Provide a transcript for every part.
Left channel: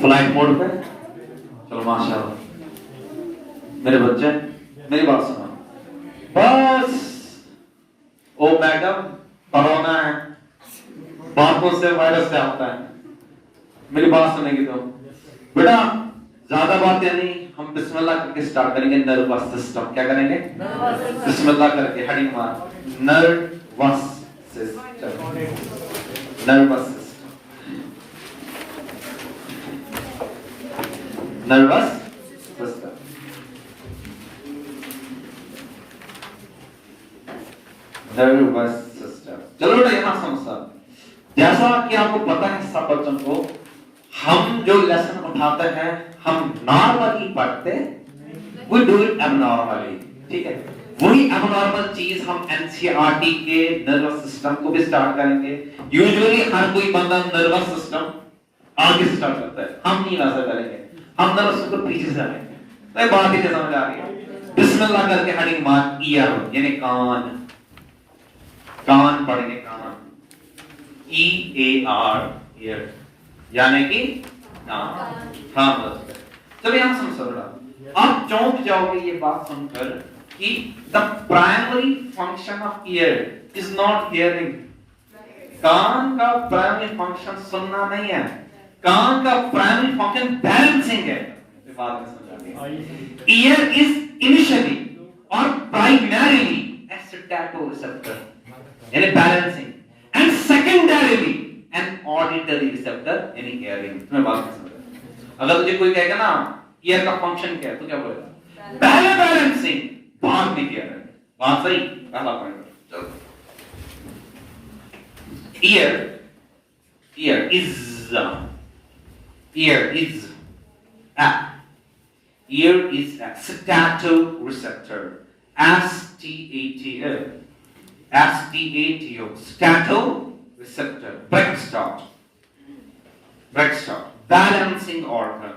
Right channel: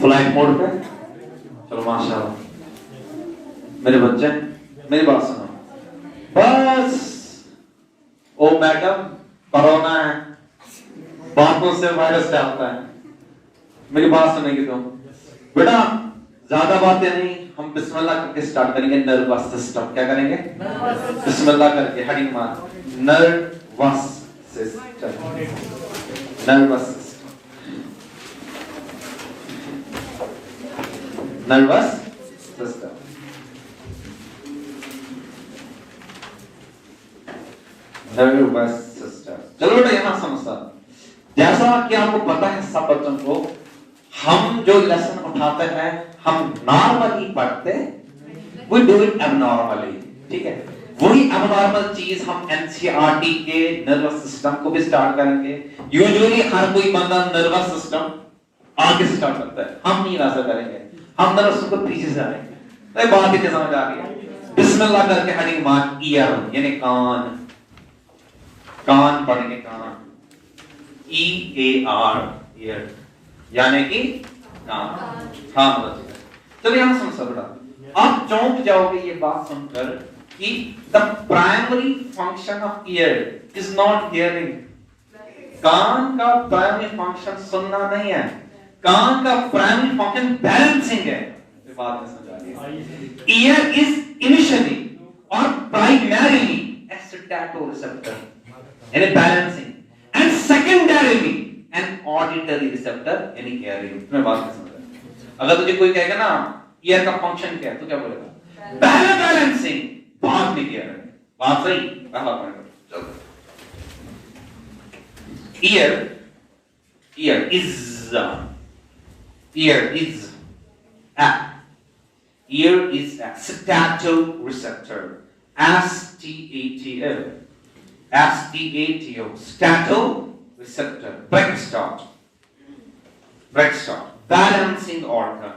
Flight mode पे। चलो माशाल्लाह मेरे बच्चे मेरी बात सुनो बस। ओ मैडम कोरोना है, बातों से वायरस फैलता है, मेरी बात सुनेगी तो बेटा ज्यादा बातें नहीं, हम बिस्मिल्लाह करके स्टार्ट करेंगे। नर्वस सिस्टम क्या करेंगे? बिस्मिल्लाह करके हडी मार। Nervous system, nervous system, nervous system. Nervous system. चलो बेटा यहां समझता, जैसा कि आपको पता है सब बच्चों को, हम जो लेसन उठाते हैं हम नॉर्मली पढ़ते, वी डू इट एबनॉर्मली, ठीक है। वही एबनॉर्मल चीज हम एनसीईआरटी के नर्वस सिस्टम को भी स्टार्ट करेंगे। यूजुअली हर कोई बंदा नर्वस सिस्टम आगे स्टार्ट करता है, हम नहीं वैसा करेंगे, हम नर्वस को पीछे से आएंगे। तो बात ही समझ आ रही है? बिस्मिल्लाह करके हेडिंग मार्क ईयर यानी कान, कान पढ़ेंगे कान, ई ए आर ईयर यानी कि कान। हाँ मतलब चलो यहां सुन सकता, आप चौंक जाओगे ये बात सुनकर कि the primary function of ear is not hearing. कान का प्राइमरी फंक्शन सुनना नहीं है, कान का प्राइमरी फंक्शन बैलेंसिंग है। बात में समझ आ रही है? ईयर इज इनिशियली और प्राइमरीली ए स्टैटो रिसेप्टर यानी balancing, and secondarily an auditory receptor यानी हियरिंग। मैं बात में समझ, अगर तुझे कोई कहेगा ना ईयर का फंक्शन क्या है तो क्या बोलेगा? पहले बैलेंसिंग, बाद में हियरिंग। बात सही? पहला पॉइंट। चलो year, year is a ear is a statoreceptor, S-T-A-T-O, S-T-A-T-O, statoreceptor, Brextot, balancing organ,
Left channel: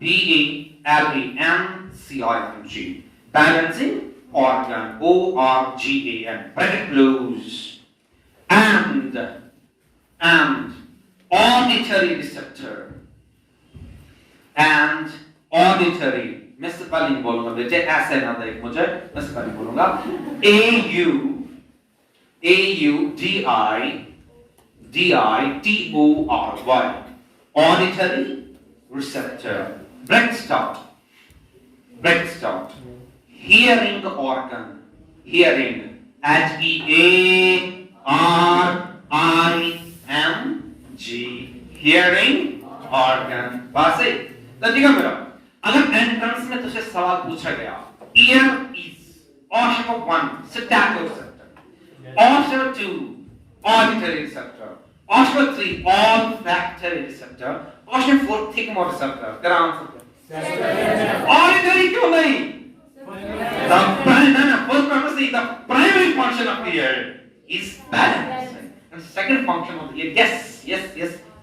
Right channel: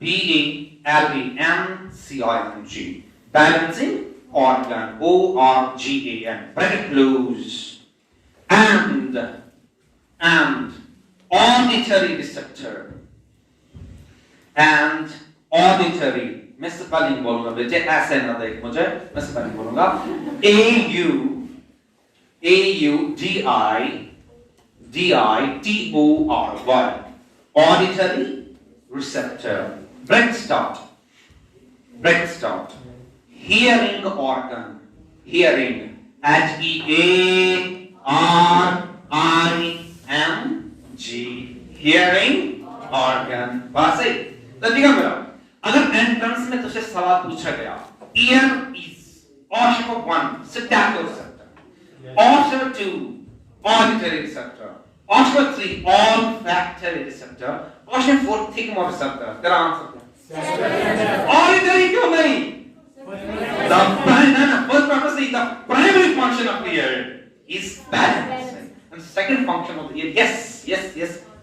B-A-L-A-N-C-I-N-G, balancing organ, O-R-G-A-N, bracket close, and auditory receptor, and auditory, मैं स्पेलिंग बोलूंगा बेटे, ऐसे ना देख मुझे, मैं स्पेलिंग बोलूंगा A-U-D-I-T-O-R-Y, auditory receptor, Brextot, hearing organ, hearing, H-E-A-R-I-N-G, hearing organ। बात सही? तो ठीक है मेरा, अगर एंट्रेंस में तुझे सवाल पूछा गया, ear is option 1 stato receptor, option 2 auditory receptor, option 3 olfactory receptor, option 4 thermoreceptor. तेरा आंसर क्या? ऑडिटरी क्यों नहीं? The primary function of the ear is balancing, and the second function of the ear, yes,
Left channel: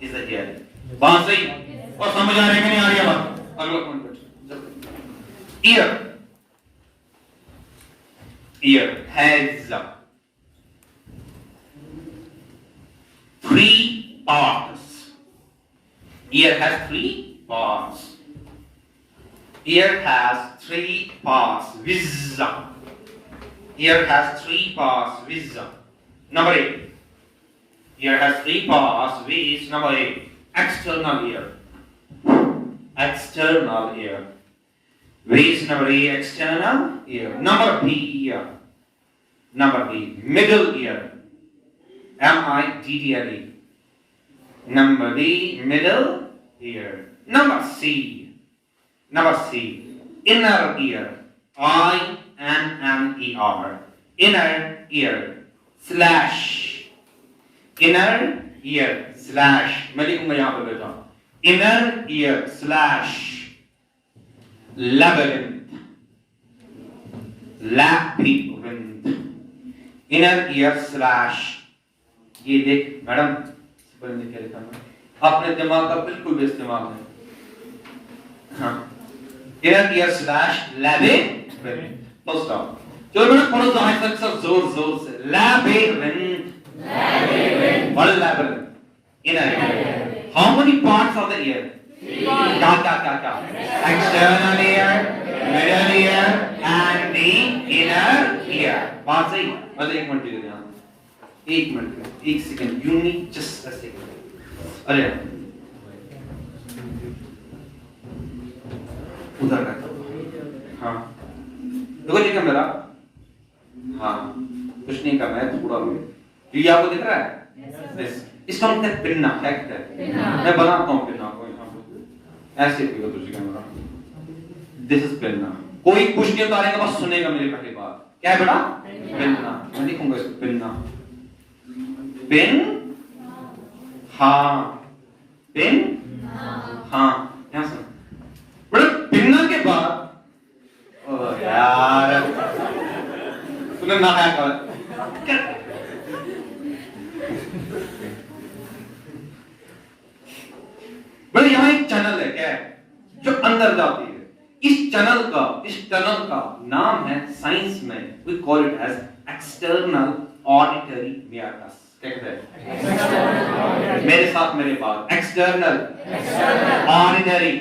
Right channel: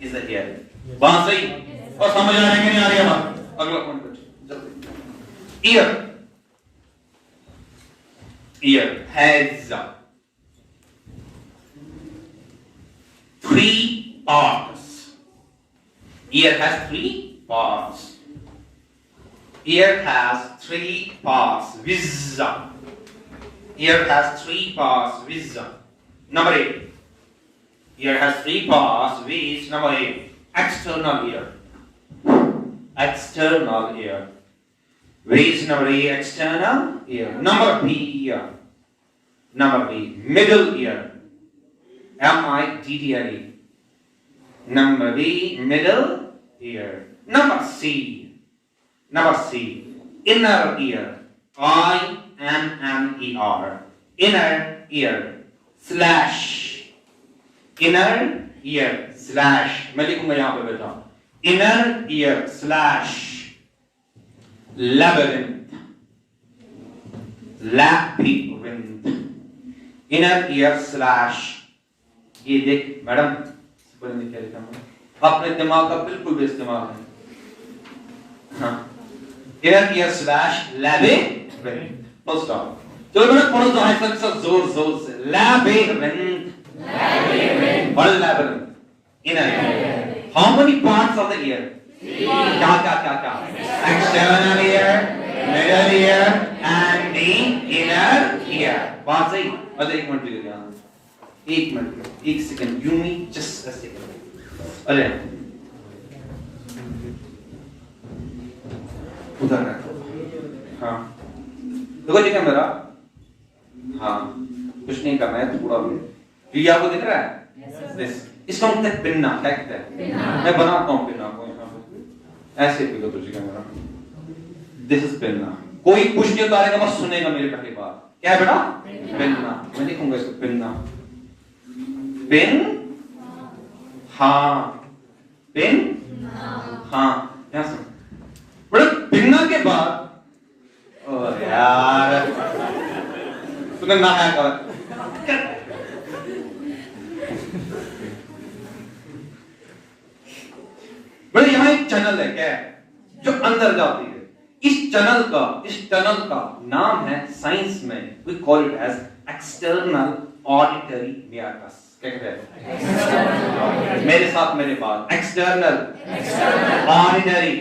is the hearing। बात सही? और समझ आ रही है कि नहीं आ रही है बात? अगला पॉइंट जल्दी। Ear has 3 parts. Ear has 3 parts. Ear has 3 parts. Wisdom. Ear has 3 parts. Wisdom. Number 8. Ear has 3 parts. Which number 8? External ear. External ear. Which number 8? External ear. Number B. Ear. Number B. Middle ear. M-I-D-D-L-E. Number D. Middle ear. Number C. Inner ear, I-N-N-E-R, inner ear slash, मैं लिखूंगा यहां पे बेटा, inner ear slash labyrinth, inner ear slash, ये देख madam क्या लिखा है, अपने दिमाग का बिल्कुल भी इस्तेमाल नहीं। हाँ, inner ear slash labyrinth, full stop। चलो मैंने पढ़ो तो हाइट से जोर से, labyrinth, labyrinth, Inner ear. How many parts of the ear? क्या? External ear, middle ear, and the inner ear. बात सही? मतलब एक मिनट के ध्यान, एक मिनट, एक second, you need just a second. अरे उधर रहता हूँ, हाँ, देखो ठीक है मेरा, हाँ, कुछ नहीं करना है, पूरा में, ये आपको दिख रहा है? इसको हम कहते हैं पिन्ना, क्या कहते हैं? मैं बनाता हूँ पिन्ना को यहाँ पे, ऐसे कोई तो तुझे कैमरा, दिस इज पिन्ना, कोई कुछ नहीं उतारेगा, बस सुनेगा मेरी पहली बात, क्या है बेटा? पिन्ना, मैं लिखूंगा इसको पिन्ना, पिन, हाँ, पिन, हाँ, यहाँ सुन, बेटा पिन्ना के बाद, ओ यार, तूने ना आया क्या? बड़े यहाँ एक चैनल है, क्या है, जो अंदर जाती है, इस टनल का नाम है साइंस में, we call it as external auditory meatus. क्या कहते हैं? मेरे साथ मेरे पास external auditory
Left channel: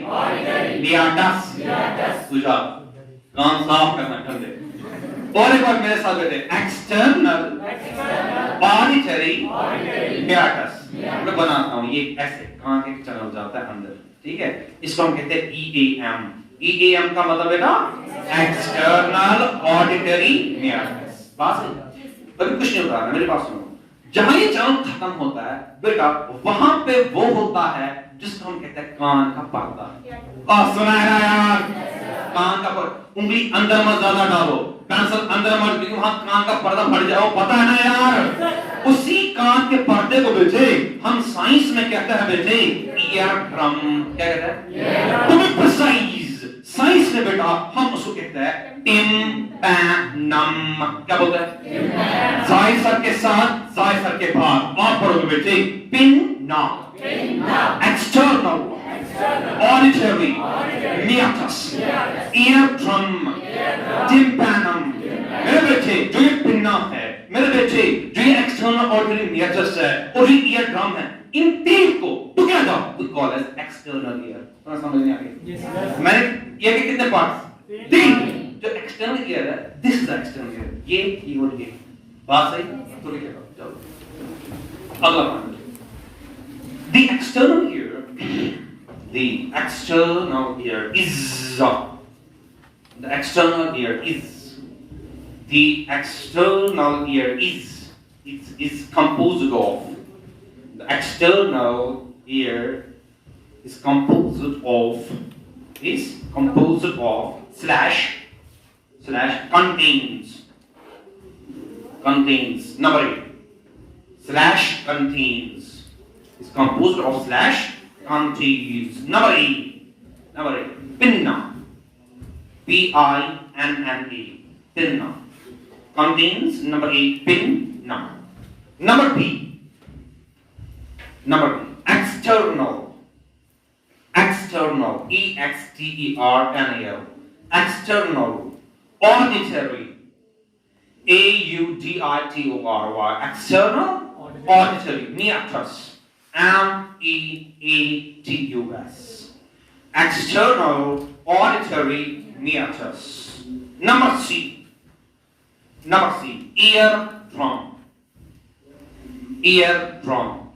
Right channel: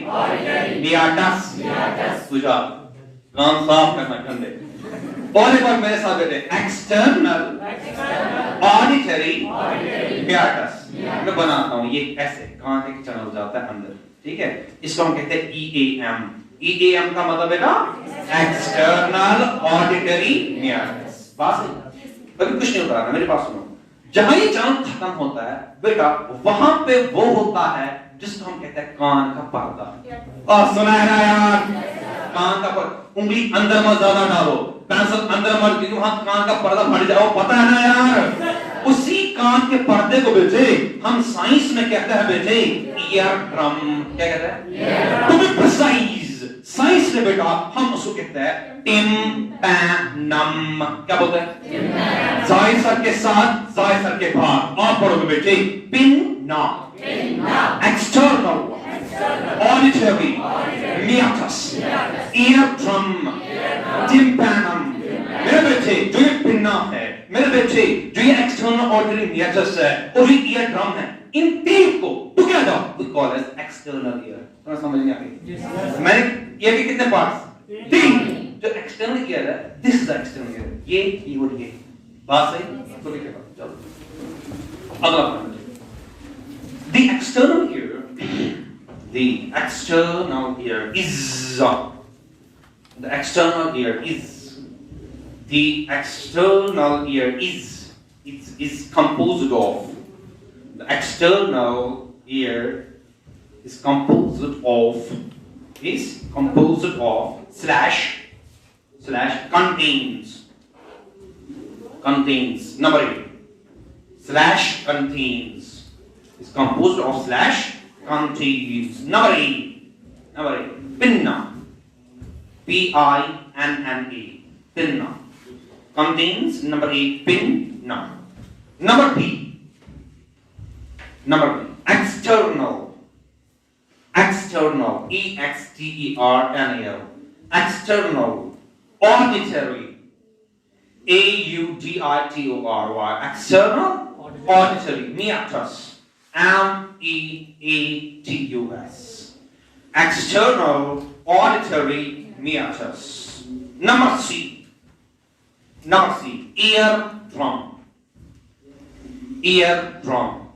meatus. दूसरा कान साफ करना ठंडे, और एक बार मेरे साथ बैठे external auditory meatus. मैं बनाता हूँ ये ऐसे, कान के चैनल जाता है अंदर, ठीक है, इसको हम कहते हैं EAM. EAM का मतलब बेटा एक्सटर्नल ऑडिटरी मेयाटस. बात सही? अभी कुछ नहीं होता है, मेरे पास सुनो, जहां ये चैनल खत्म होता है बेटा, वहां पे वो होता है जिसको हम कहते हैं कान का पर्दा. सुना है ना यार? कान का पर्दा, उंगली अंदर मत ज्यादा डालो, पेंसिल अंदर मत दी, वहां कान का पर्दा फट जाओ, पता है ना यार? उसी कान के पर्दे को बेटे हम साइंस में कहते हैं बेटे ईयर ड्रम. क्या कहते हैं? टू बी प्रिसाइज, साइंस में बेटा हम उसको कहते हैं टिम्पैनम. क्या बोलते हैं? जाय सर के साथ, जाय सर के बाद, और पढ़ोगे बेटे pinna, external auditory meatus, eardrum, tympanum. मेरे बेटे जो ये पिन्ना है, मेरे बेटे जो ये एक्सटर्नल ऑडिटरी meatus है और ये ईयर ड्रम है, इन तीन को together we call as external ear. तुम्हें समझ नहीं आ गई? मैंने ये भी कितने पार्ट्स? तीन. जो एक्सटर्नल ईयर है, दिस इज एक्सटर्नल ईयर, ये और ये. बात सही? तो लिखिए, चलो अगला point. The external ear is the external ear is composed of, the external ear is composed of slash contains number 8, slash contains is composed of slash contains number 8 pinna, pinna, pinna contains number 8 pinna. Number B external, external external auditory, auditory, external auditory meatus, meatus, external auditory meatus. Number C eardrum, eardrum,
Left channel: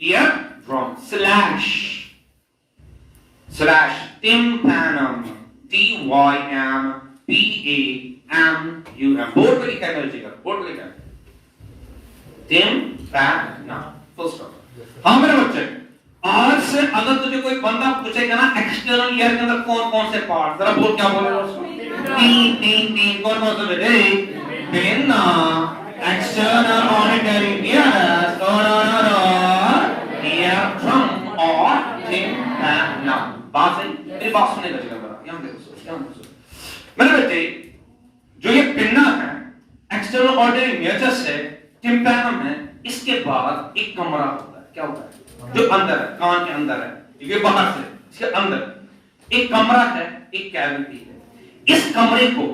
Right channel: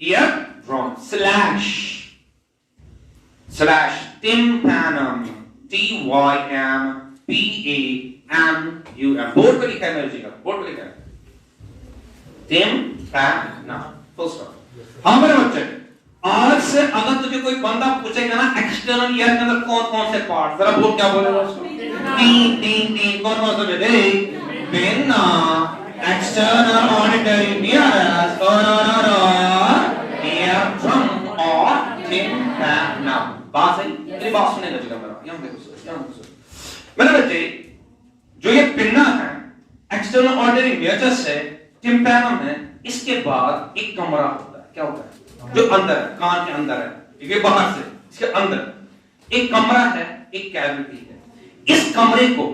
eardrum slash tympanum, tympanum. Board पे लिखा है मेरे जी का, board पे लिखा है tympanum, full stop. हाँ मेरे बच्चे, आज से अगर तुझे कोई बंदा पूछेगा ना एक्सटर्नल ईयर के अंदर कौन कौन से पार्ट, जरा बोल क्या बोलेगा उसको? तीन कौन कौन से बेटे? पिन्ना, एक्सटर्नल ऑडिटरी meatus, और eardrum और tympanum. बात सही? मेरी बात सुनने का जगह पर यहाँ देखो. मेरे बच्चे, जो ये पिन्ना है, एक्सटर्नल ऑडिटरी meatus है, टिम्पैनम है, इसके बाद एक कमरा होता है. क्या होता है? जो अंदर है, कान के अंदर है, ये बाहर से, इसके अंदर एक कमरा है, एक कैविटी है. इस कमरे को,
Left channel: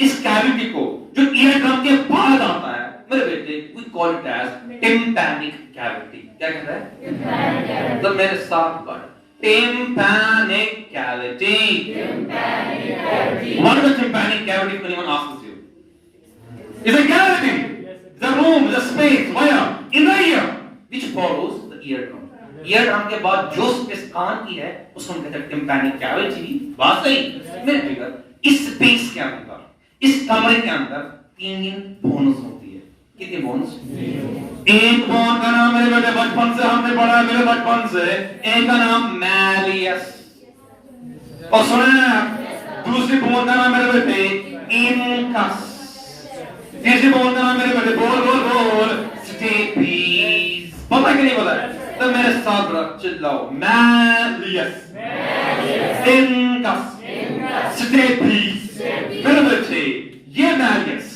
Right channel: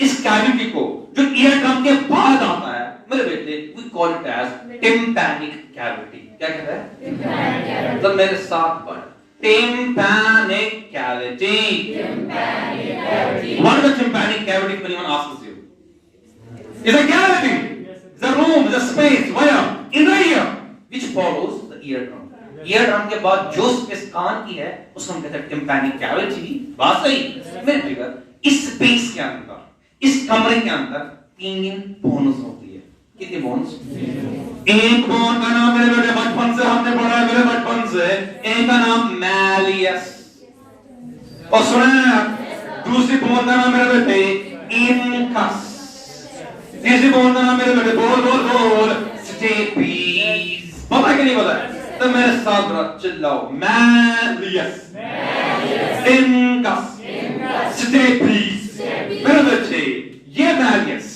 इस कैविटी को जो ईयर ड्रम के बाद आता है, मेरे बेटे, we call it as tympanic cavity. क्या कहता है? Tympanic cavity. तो मेरे साथ पढ़. Tympanic cavity. Tympanic cavity. What is a tympanic cavity? If anyone asks you, it's a cavity. It's a room. It's a space. Where? In the ear, which follows the eardrum. eardrum के बाद जो space कान की है, उसको हम कहते हैं tympanic cavity. बात सही? मेरे बेटा, इस स्पेस के अंदर, इस कमरे के अंदर 3 बोन्स होती है. कितने बोन्स? एक बोन का नाम मेरे बेटे बचपन से हमने पढ़ा है, मेरे बचपन से. एक का नाम मैलियस. और सुना, दूसरी बोन का नाम मेरे बेटे इनकस. तीसरी बोन का नाम मेरे बेटे बोल स्टेपीज. पता है कि नहीं पता? तो मेरे साथ चिल्लाओ. Malleus, incus, steppes. मेरे बेटे, ये मैलियस,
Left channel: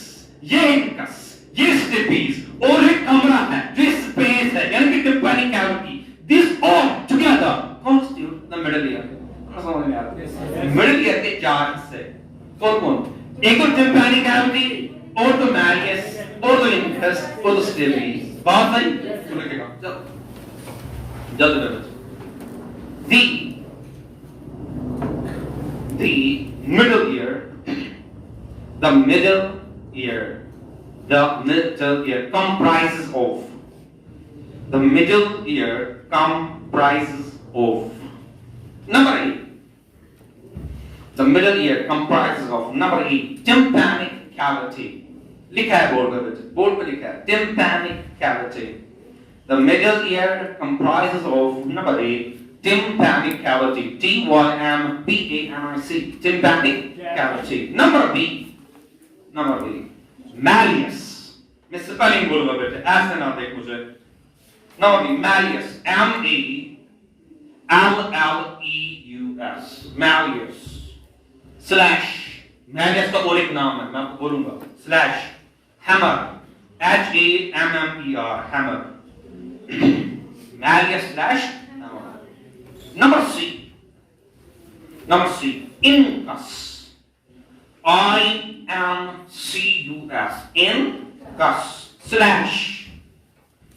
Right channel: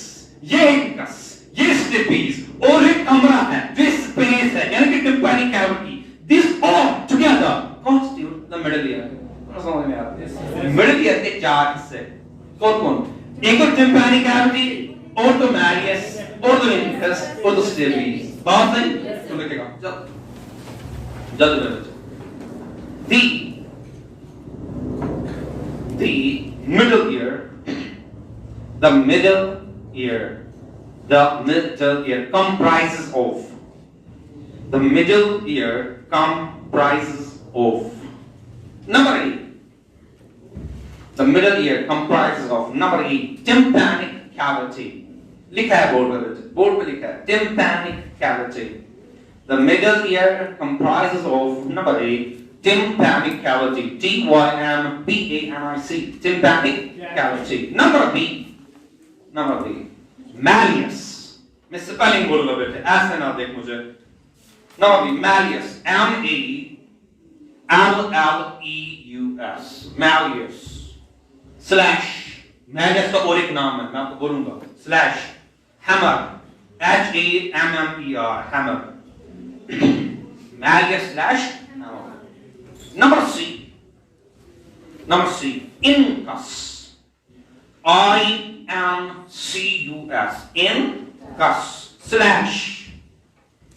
ये इनकस, ये स्टेपीज और एक कमरा है जो स्पेस है, यानी कि tympanic cavity. This all together constitute the middle ear. समझ में आ रहा है? मिडिल ईयर के 4 हिस्से. कौन? एक तो tympanic cavity, और तो मैलियस, और तो इनकस, और तो स्टेपीज. बात सही? तो लिखेगा. जल्दी में बच्चों. The middle ear, the middle ear comprises of. The middle ear comprises of. Number 8. The middle ear comprises of. Number 8. Tympanic cavity. लिखा है बोर्ड पे बच्चे. बोर्ड पे लिखा है tympanic cavity. The middle ear comprises of. Number 8. Tympanic cavity. Tympanic. Tympanic cavity. Number B. Malleus. मैं spelling बोलूंगा बेटे, ऐसे ना देख मुझे. Number B. Malleus. M-A-L-L-E-U-S. Malleus. Slash. Malleus का और एक नाम है, मैं आपको बोलूंगा. Slash. Hammer. H-A-M-M-E-R. Hammer. Malleus slash hammer. Number C. Incus. I-N-C-U-S. Incus slash.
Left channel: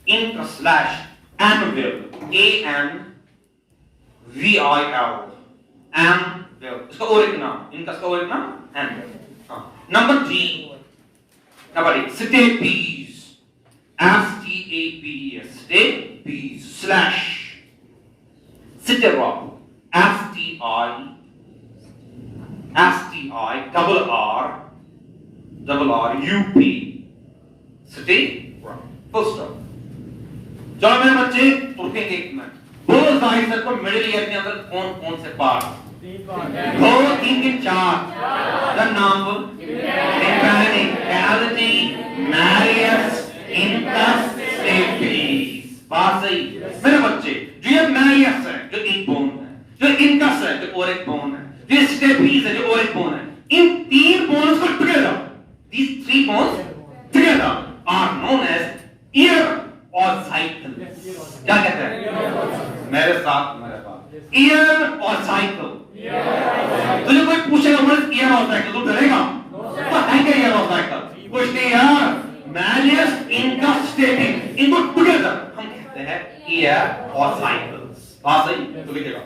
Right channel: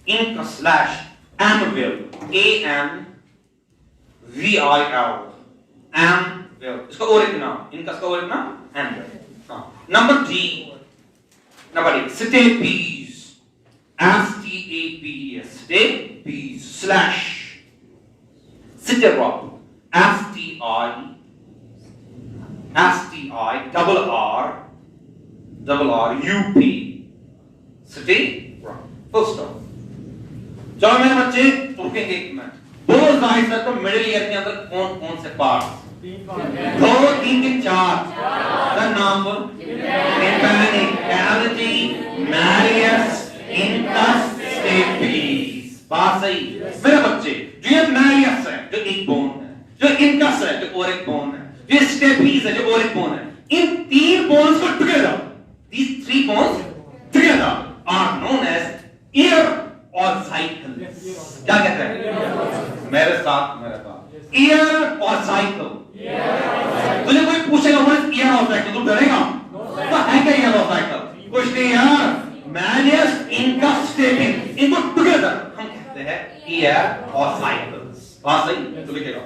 Incus slash anvil. A-N-V-I-L. Anvil. इसका और एक नाम. Incus का और एक नाम anvil. Number D. Stapes. S-T-A-P-E-S. Stapes slash. Stirrup. S-T-I-R-R-U-P. Stirrup. Full stop. चलो मेरे बच्चे उठेंगे एक मिनट. बोलो जाहिर से तो मिडिल ईयर के अंदर कौन से पार्ट? 2, 3 के 4. The number. Tympanic cavity, malleus, incus, stapes. बात सही. मेरे बच्चे, जो ये malleus है, जो एक बोन है, जो incus है, जो और एक बोन है, जो stapes है, जो और एक बोन है, इन 3 bones को together, these 3 bones together are known as ear ossicles. क्या कहते हैं? मेरे साथ. ear ossicle. तुझे कोई पूछेगा व्हाट इज ईयर ossicle, तू डरेगा? तो है क्या ईयर ossicle? कुछ नहीं यार. Malleus, incus, stapes, इनको together हम कहते हैं ear ossicles. बात सही? तो लिखेगा.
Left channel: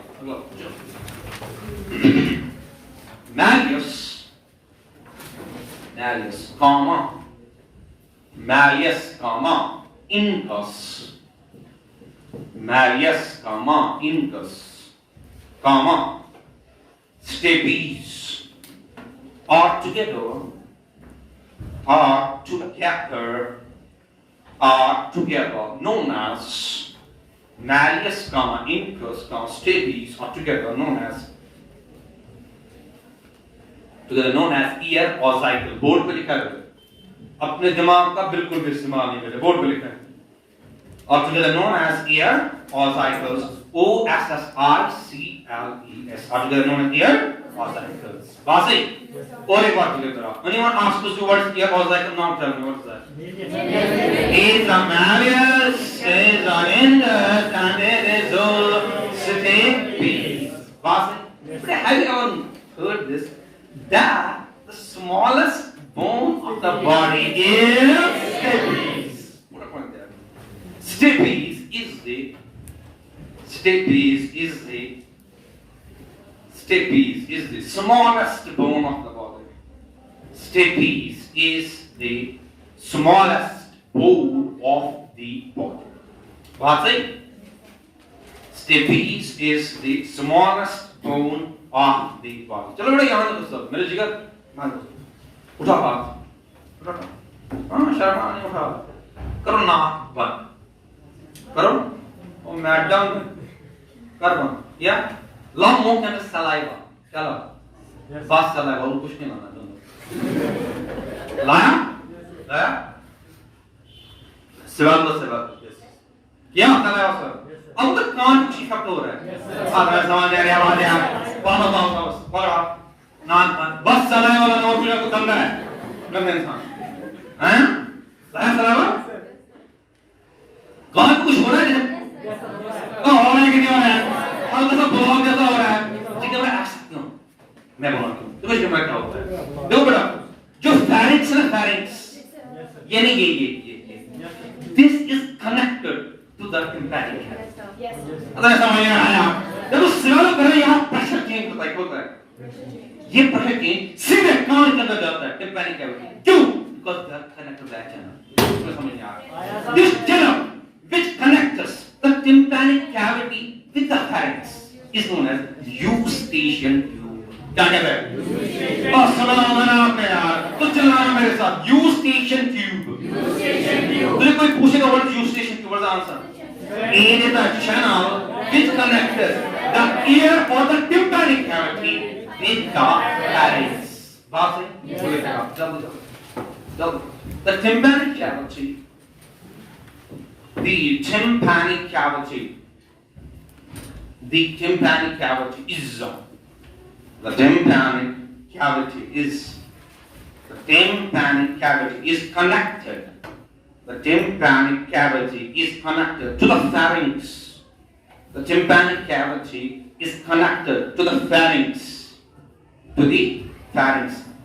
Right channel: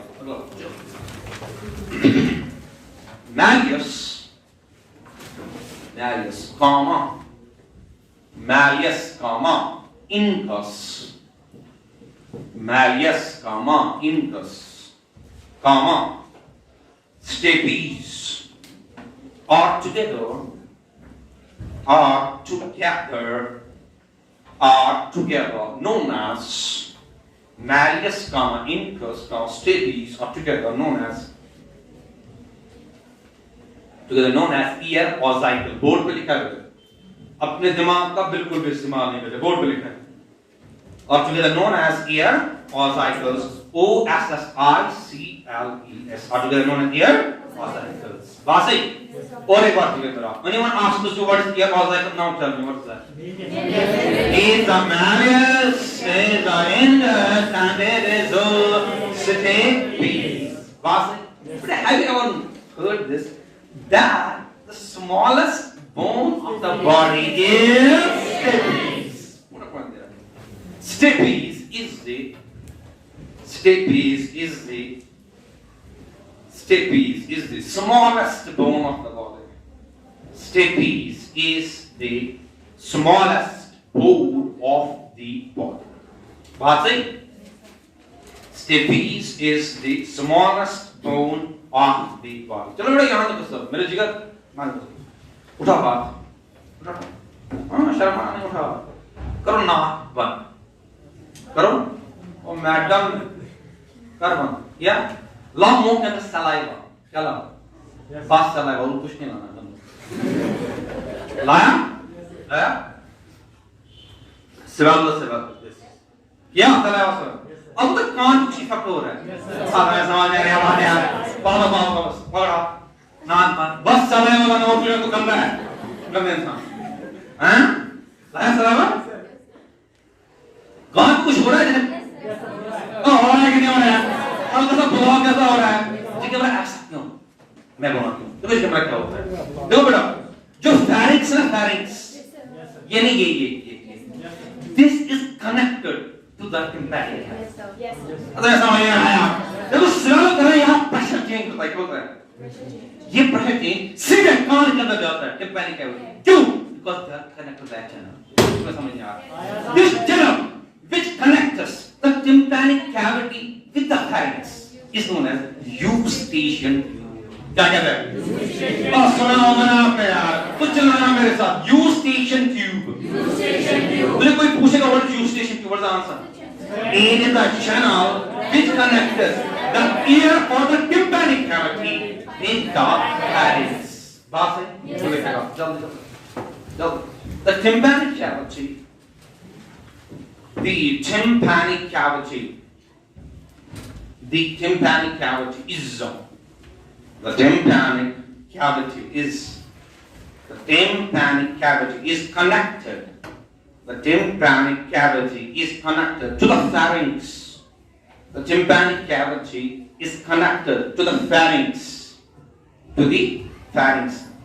Malleus, comma, incus, stapes are together known as malleus, incus, stapes are together known as ear ossicle. Board पे लिखा है. अपने दिमाग का बिल्कुल भी इस्तेमाल नहीं करें. बोर्ड पे लिखा है. Are together known as ear ossicles. O-S-S-I-C-L-E-S. Are together known as ear ossicles. बात सही? और एक बात क्लियर करा. Anyone asked us the word ear ossicle? Now tell me what is that? It's a malleus, it's an incus, and it is a stapes. बात सही? Have you ever heard this? That the smallest bone of the body is stapes. stapes is the smallest bone of the body. Stapes is the smallest bone of the body. बात सही? Stapes is the smallest bone of the body. चलो बेटा यहाँ तक सब मेरे जिगर मान लो उठा हाथ उठा हाँ शर्मा नहीं उठा करो ना बंद करो और मैडम कर बंद या ला मुंह के अंदर सलाइवा चलो बस सलाइवा और कुछ नहीं लाना तुम लाया लाया सेवा क्या सलाइवा सर अब तक कान कुछ इफेक्ट हो रहा है साथ में समझ आ रहा है आवाज आ रहा है बस पकड़ा नान पान बस सलाइवा वाला नोट लिया तो गंदा है गंदा इंसान हैं लाया सलाइवा कान कुछ हो रहा है तो हो रहा है कि नहीं हो रहा है हल्का सा ब्लॉक जैसा हो रहा है ठीक है मैं ऐसा क्यों मैं बोल क्यों तो कुछ क्या होता है देखो बेटा जो pharynx है pharynx ये नहीं ये this is connected to the tympanic yes अगर समझ में आया देखो swallow करो यहाँ pressure change होता है ये pressure change सीधे कान के अंदर जाता है tympanic cavity क्यों because they are connected to that channel इसको समझ में आ रहा this channel which connects the tympanic cavity with the pharynx is known as eustachian tube. क्या कहते हैं? सुना मैंने आपने यार तो चलाना मेरे साथ eustachian tube. तुझे कोई पूछेगा what is eustachian tube? What's the answer? It is the channel which connects the ear or the tympanic cavity with the pharynx. बात है? जल्दी the tympanic cavity. The tympanic cavity is connected. The tympanic cavity is connected to the pharynx. The tympanic cavity is connected to the pharynx.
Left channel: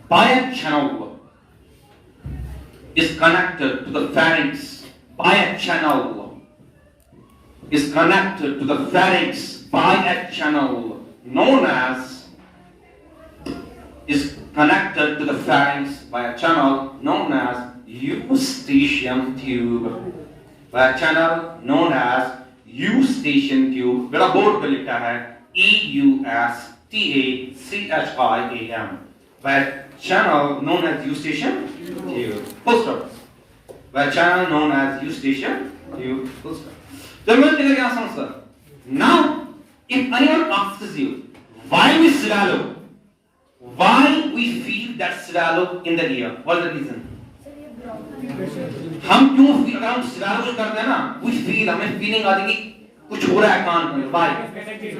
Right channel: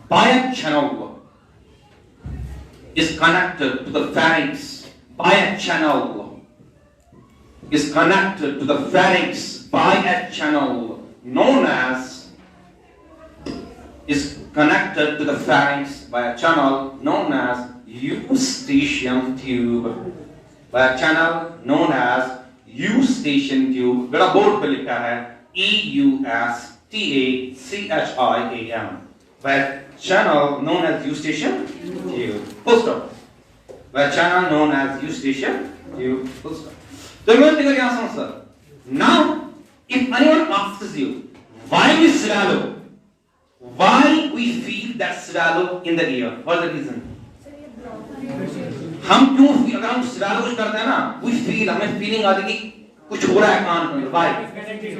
By a channel. Is connected to the pharynx. By a channel is connected to the pharynx by a channel known as eustachian tube. By a channel known as eustachian tube. बेटा board पे लिखा है EUSTACHIAM. By a channel known as eustachian tube. Full stop. By a channel known as eustachian tube. Full stop. So you will take answer, sir. Now, if anyone asks you, why we swallow? Why we feel that swallow in the ear? What is the reason? हम क्यों अगर हम swallow कुछ करते हैं ना, we feel हमें feeling आती है कि कुछ हो रहा है कान में. Why?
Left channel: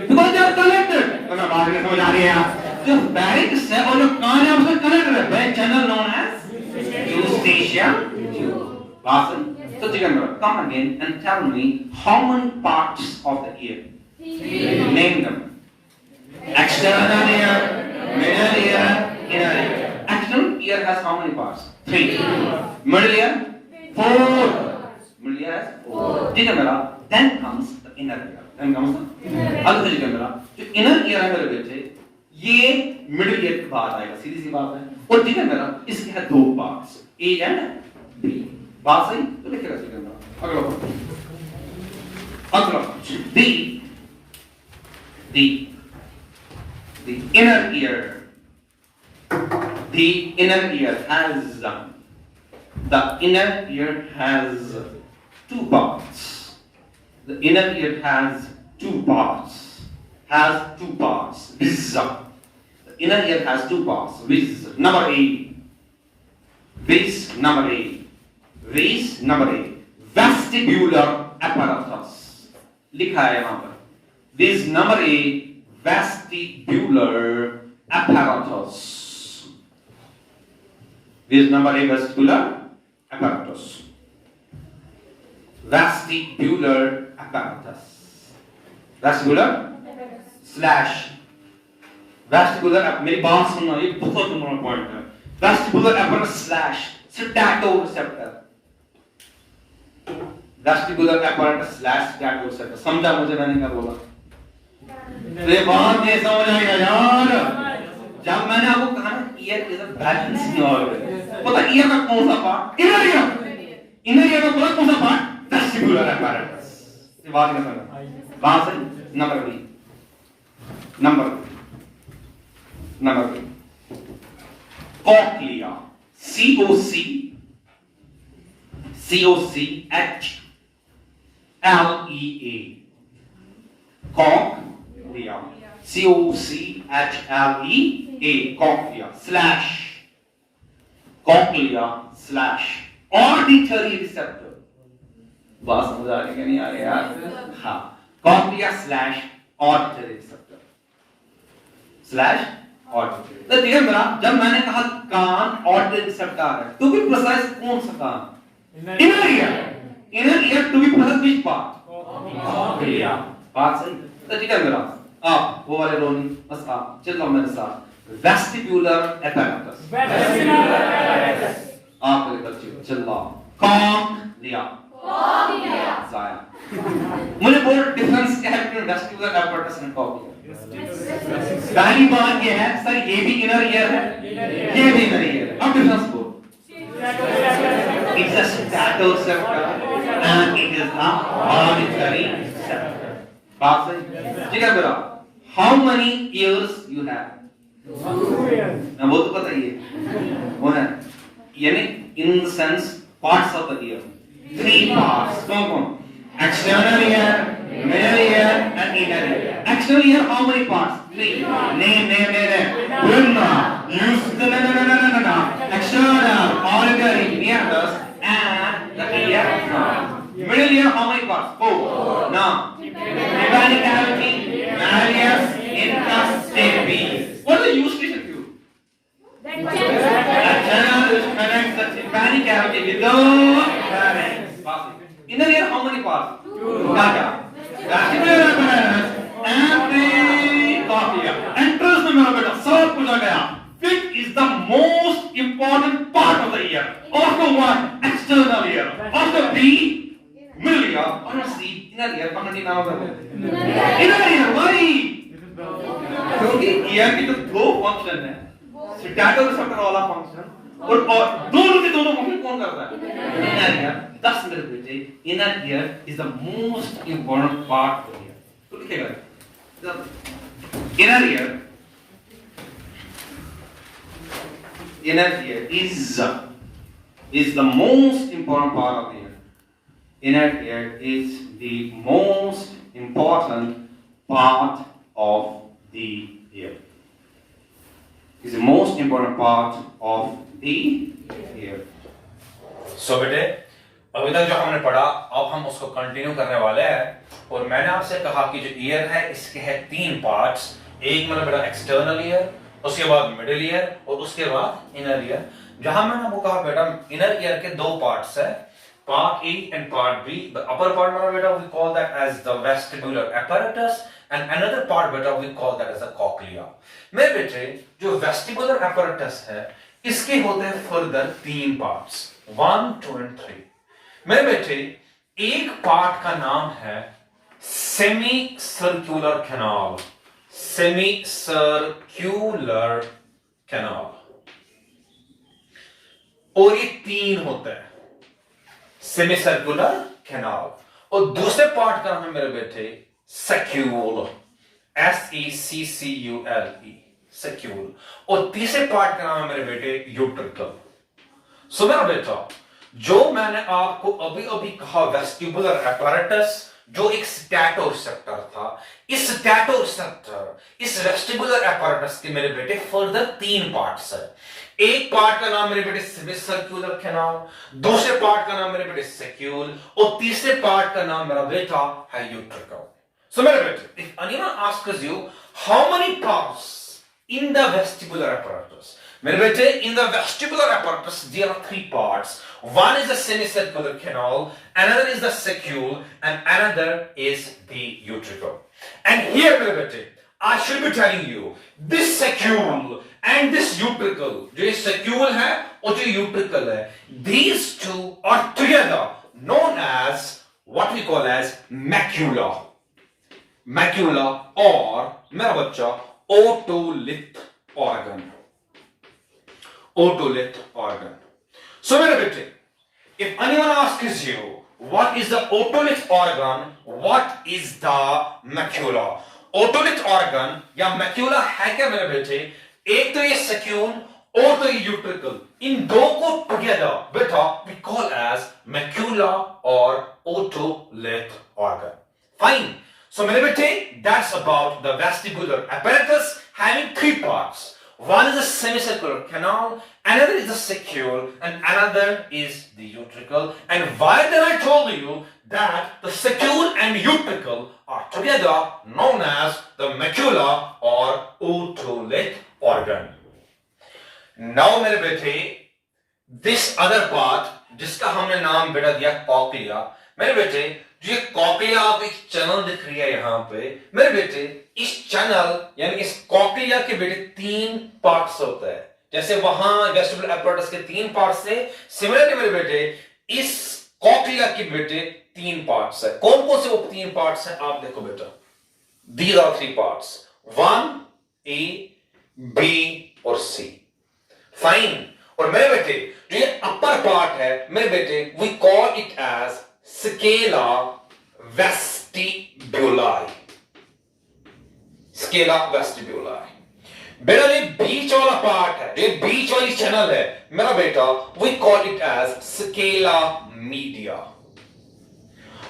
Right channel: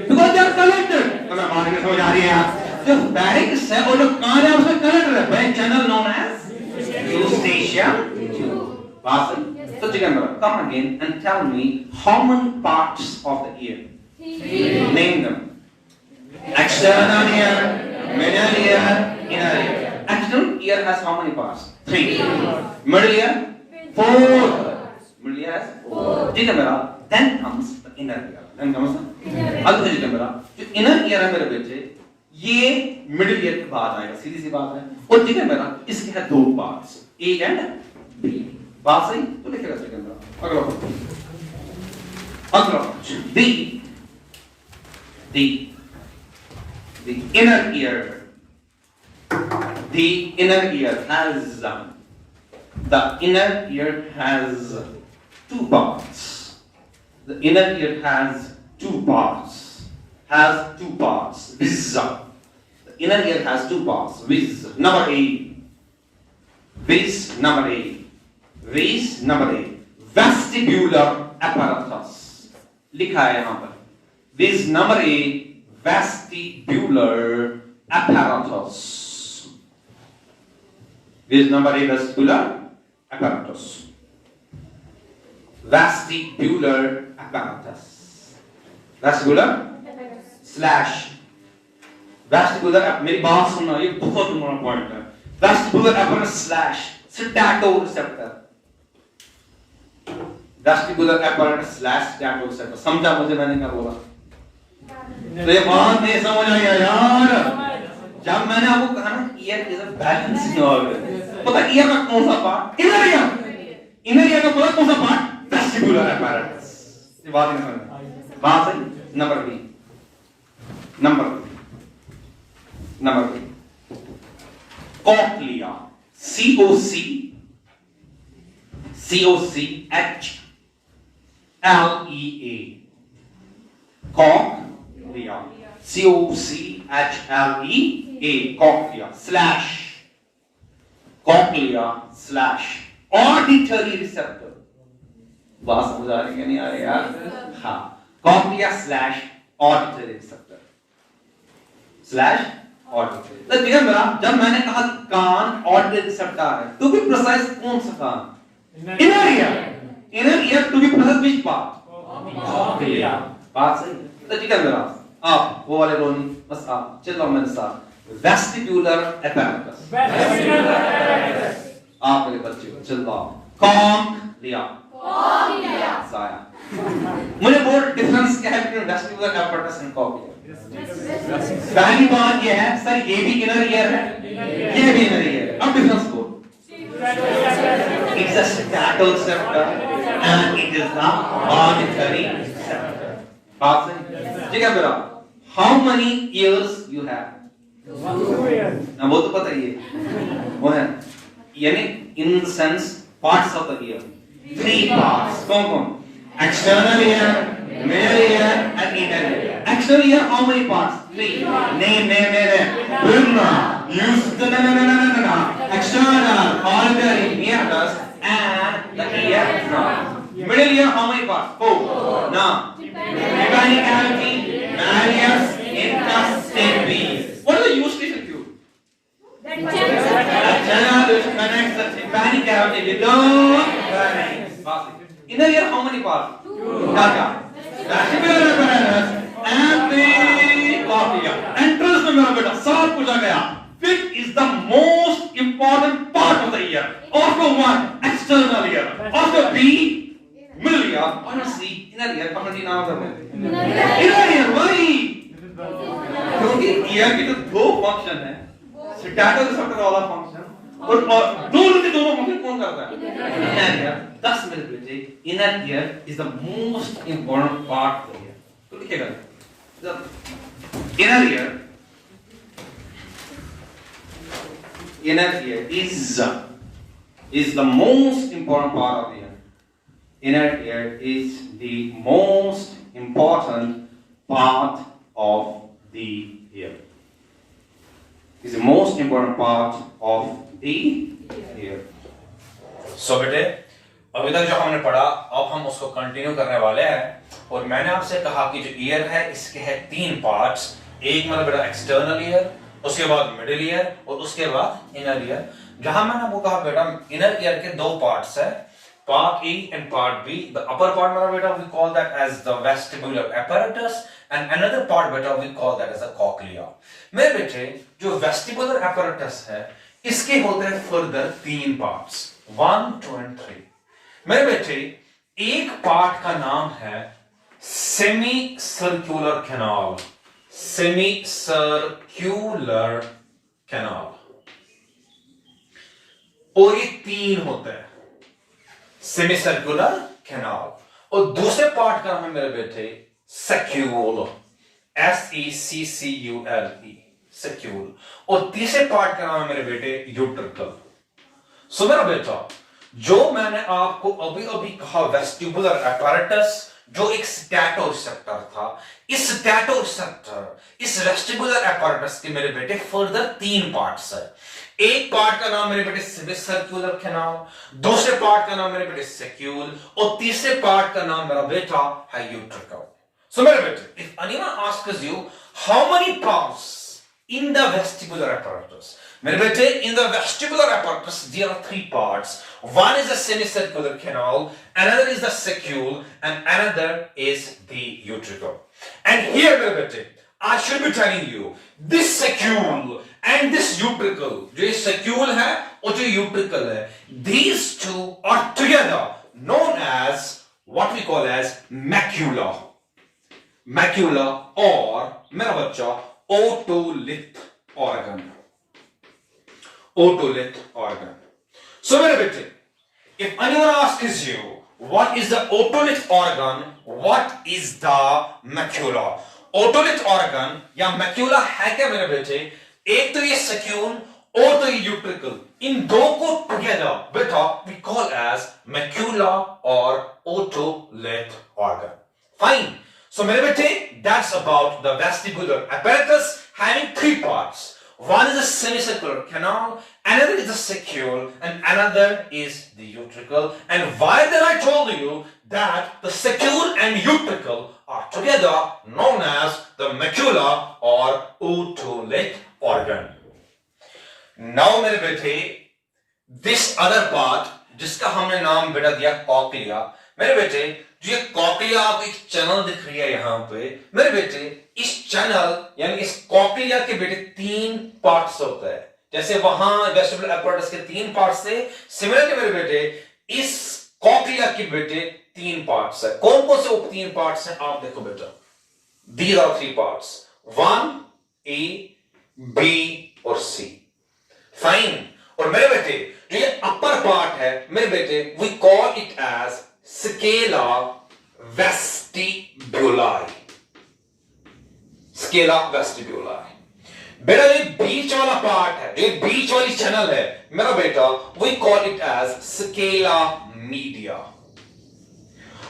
Because they are connected. तो मैं बात समझ आ रही है यार. जो pharynx है और जो कान है उसमें connected है. By channel known as eustachian tube. Basan. So Jigambara, come again and tell me how many parts of the ear? Name them. External ear, middle ear, inner ear. External ear has how many parts? 3. Middle ear? 4. Middle ear has 4. Jigambara, then comes the inner ear. Then comes the other Jigambara. जो inner ear है मेरे बच्चे, ये middle ear के बाद आएगा. सीधी सी बात है. और Jigambara, इसके है 2 parts. A and B. बात सही तो लिखे रहते हैं अगला the inner ear has 2 parts. The inner ear has 2 parts. The inner ear has 2 parts. Number A. Vestibular apparatus. लिखा है वहां पर. This number A, vestibular apparatus. This number A, vestibular apparatus. Vestibular apparatus. Vestibular slash. Vestibular. मेरी बात सुनना, ये बहुत important point है. Vestibular apparatus slash statoreceptor. Vestibular apparatus slash statoreceptor. समझा मुझे मैंने क्या बोला? तो ये बात नहीं समझ आई यार। जब मैंने आपको कहा ना year is a balancing organ, पता ईयर का कौन सा part? Inner ear. Inner year का कौन सा पार्ट? Vestibular apparatus। ये बात नहीं समझ? बात सही। Number B, cochlea, COCHLEA, cochlea, COCHLEA, cochlea slash auditory receptor. बात समझ आ रही है नहीं आ रही यार? हाँ, cochlea slash auditory receptor slash auditory. तो ठीक है मेरा, जब मैंने कहा कान ऑडिटरी रिसेप्टर है, टू बी प्रिसाइज कौन सा कान? Inner ear. Inner ear to be precise which part? Cochlea. बात सही। तो ठीक है मेरा, आप वो वाले रोनी बस आप चलो मेरे साथ। वेस्टिब्यूलर apparatus, आप मेरे कर चलो कॉक्लिया, जाया। मुझे बहुत डिफरेंस क्या है between vestibular apparatus and cochlea? पहली बात ये है सर, ये भी इनर ईयर है, ये भी इनर ईयर है। अब डिफरेंस को, it's a statoceptor and it is the auditory receptor। बात सही। ठीक है बेटा, how many ears you have? 2 ears। वो तो पता ही है, वो है यानी in the sense parts of the ear, 3 parts। कौन? External ear, middle ear and inner ear। External ear how many parts? 3। Name Brahma, no, external, auditory, meatus and the eardrum। Middle ear how many parts? 4। Now tympanic cavity, malleus, interstitium। What is the use case of you? That channel which connects the tympanic cavity with the pharynx। Inner ear how many parts? 2। Vestibular apparatus and the cochlea। Entrance में मेरा बेटा सब कुछ आ गया। Which is the most important part of the ear? After what? External ear। After B, middle ear। After C, inner ear। पकड़नी नाम है। Inner ear, why? क्योंकि ear की जो दो फंक्शन है, स्टैटो रिसेप्टर वाला फंक्शन और दोनों के दोनों फंक्शन कौन करता है? Inner ear। 10 मिनट बेटे, inner ear is the most important part of the ear। तो लिखेगा inner ear is the most important part of the ear। Inner ear is the most important part of the ear। Is the most important part of the ear। So बेटे, अभी तक जो हमने पढ़ा अब हम उसको कंटिन्यू करने वाले हैं। और मैंने आपसे कहा कि जो ईयर है इसके हैं 3 पार्ट्स। एक मतलब बेटा एक्सटर्नल ईयर, उसके बाद मिडिल ईयर और उसके बाद इनर ईयर। जहां मैंने आपको कहा बेटा इनर ईयर के 2 पार्ट्स है, part A and part B. The upper part मेरा बेटा we call that as the vestibular apparatus and another part बेटा we call that as the cochlea. मेरे बेटे जो वेस्टिबुलर apparatus है इसके होते हैं फर्दर 3 पार्ट्स, 1, 2 एंड 3। मेरे बेटे एक पार्ट का नाम है semi circular canal, semi circular canal. और ये 3 होते हैं, सेमी सर्कुलर कैनाल। और दूसरे पार्ट का नाम है मेरे बेटे सेक्यूल, SECCULE, सेक्यूल। और तीसरे पार्ट का नाम है मेरे बेटे यूट्रिकल। सो मेरा बेटा जो मैंने आपको अभी अभी कहा वेस्टिबुलर apparatus जो एक स्टैटो रिसेप्टर था, इस स्टैटो रिसेप्टर इस वेस्टिबुलर apparatus के मेरे बेटे फर्दर 3 पार्ट्स है। एक पार्ट का नाम मेरे बेटे सेमिसर्कुलर कैनाल, दूसरे पार्ट का नाम मेरे बेटे सेक्यूल और तीसरे पार्ट का नाम मेरा बेटा है यूट्रिकल। सो मेरे बेटे if anyone asks you how many parts in the vestibular apparatus, मेरे बेटे in the vestibular apparatus there are 3 parts। One is the semicircular canal, another is the saccule and another is the utricle। And here मेरे बेटे I should be telling you this saccule and this utricle, जो ये saccule है और जो utricle है, these two are together known as what we call as macula. Macula or मेरा बच्चा otolith organ. Otolith organ. So मेरे बेटे, if anyone asks you what is the otolith organ, what is the macula? Otolith organ या macula है क्या मेरे बेटे? एक तो ये secune और तो ये utricle. इन दो को together बेटा we call as macula or otolith organ. Fine. So मेरे बेटे, that's about the vestibular apparatus having three parts. One is a semicircular canal, another is the secule, and another is the utricle. And why then I told you that the secule and utricle are together known as the macula or otolith organ. Now मेरे बेटे, this other part जिसका हमने नाम बेटा दिया cochlea, मेरे बेटे जो ये कॉक्लिया आप एक चैनल दिख रही है यहां पे, मेरे बेटे इस चैनल यानी इस कॉक्लिया के बेटे तीन पार्ट्स होते हैं. जैसे वहां वेस्टिबुलर apparatus के तीन पार्ट्स थे, सिमिलरली मेरे बेटे इस कॉक्लिया के बेटे तीन पार्ट्स है. कौन कौन से वो तीन पार्ट्स हैं आप देखो बेटा. These are three parts. 1, A, B और C. फाइन. और मेरे बेटे जो ये अपर पार्ट है मेरे बेटे we call it as scala vestibuli. Scala vestibuli. बेटा ये बीच वाला पार्ट है, ये बीच वाली चैनल है मेरा बेटा we call it as scala media.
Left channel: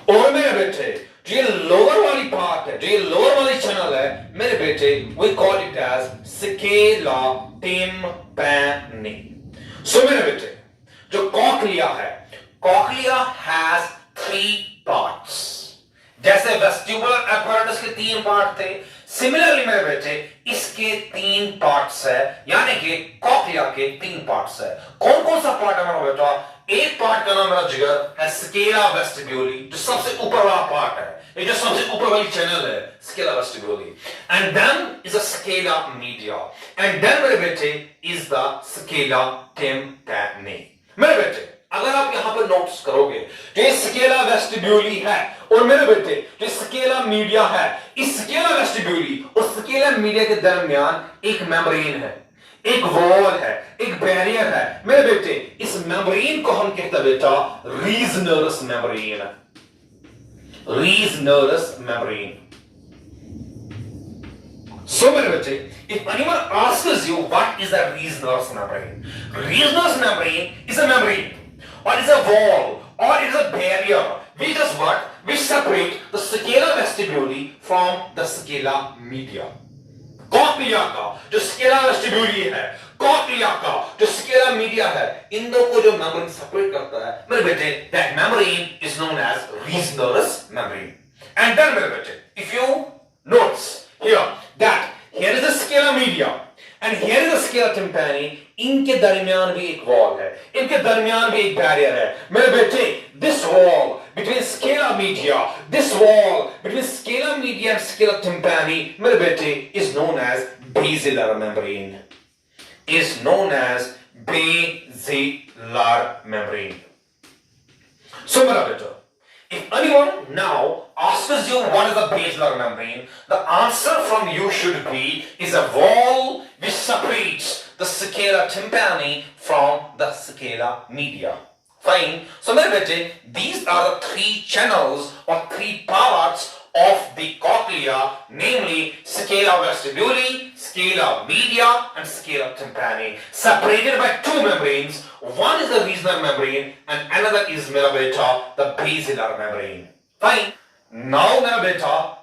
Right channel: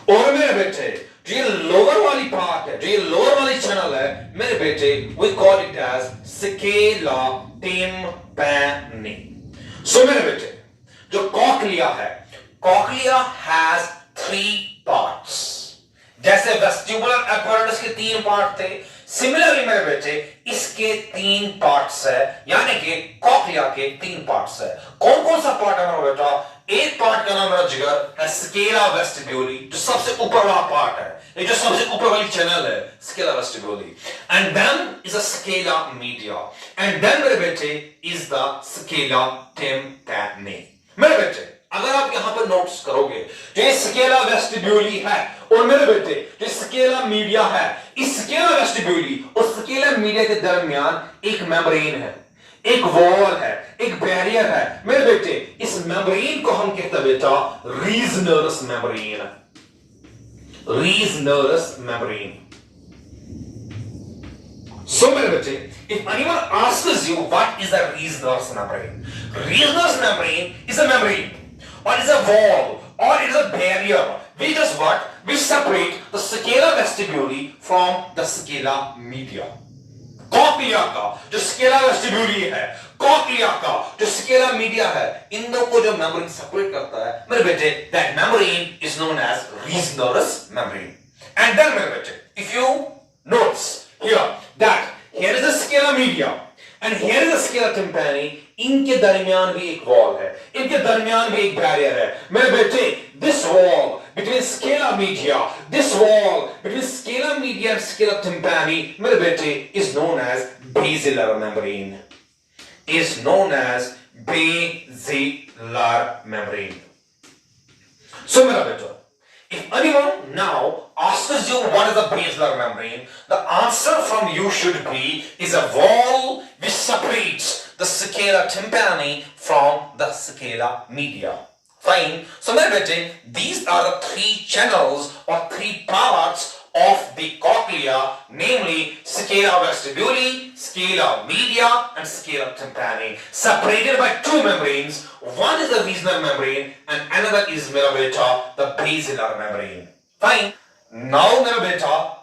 और मेरे बेटे जो ये लोअर वाली पार्ट है, जो ये लोअर वाली चैनल है मेरे बेटे we call it as scala tympani. सो मेरे बेटे जो कॉक्लिया है, कॉक्लिया हैज थ्री पार्ट्स. जैसे वेस्टिबुलर apparatus के तीन पार्ट थे, सिमिलरली मेरे बेटे इसके तीन पार्ट्स है, यानी कि कॉक्लिया के तीन पार्ट्स है. कौन कौन सा पार्ट है मेरा बेटा? एक पार्ट का नाम मेरा जिगर है स्केला वेस्टिब्यूली, जो सबसे ऊपर वाला पार्ट है, ये जो सबसे ऊपर वाली चैनल है scala vestibuli. And then is a scala media, and then मेरे बेटे इज द स्केला tympani. मेरे बेटे अगर आप यहां पर नोट्स करोगे जो ये स्केला वेस्टिब्यूली है और मेरे बेटे जो स्केला मीडिया है, इस स्केला वेस्टिब्यूली और स्केला मीडिया के दरमियान एक मेम्ब्रेन है, एक वॉल है, एक बैरियर है मेरे बेटे. इस मेम्ब्रेन को हम कहते हैं बेटा रीजनरस मेम्ब्रेन. रीजनरस मेम्ब्रेन. So मेरे बच्चे, if anyone asks you what is a reasonous membrane, reasonous membrane is a membrane, or is a wall, or is a barrier which does what? Which separate the scala vestibuli from the scala media. Cochlea का जो Scala वेस्टिब्यूली है, cochlea का जो Scala media है, इन दो को जो membrane separate करता है मेरे बेटे, that membrane is known as reasonous membrane. And then मेरे बेटे, if you notice here that here is the scala media and here is the scala tympani, इनके दरमियान भी एक वॉल है, इनके दरमियान भी एक बैरियर है मेरे बेटे. this wall between scala media, this wall between scala media and scala tympani मेरे बेटे is known as basilar membrane, is known as basilar membrane. So मेरा बेटा, if anyone now asks you what is the basilar membrane, the answer from you should be is a wall which separates the scala tympani from the scala media. Fine. So मेरे बेटे, these are the three channels or three parts of the cochlea, namely scala vestibuli, scala media, and scala tympani, separated by two membranes. One is the reasonal membrane, and another is मेरा बेटा the basilar membrane. Fine. Now मेरा बेटा,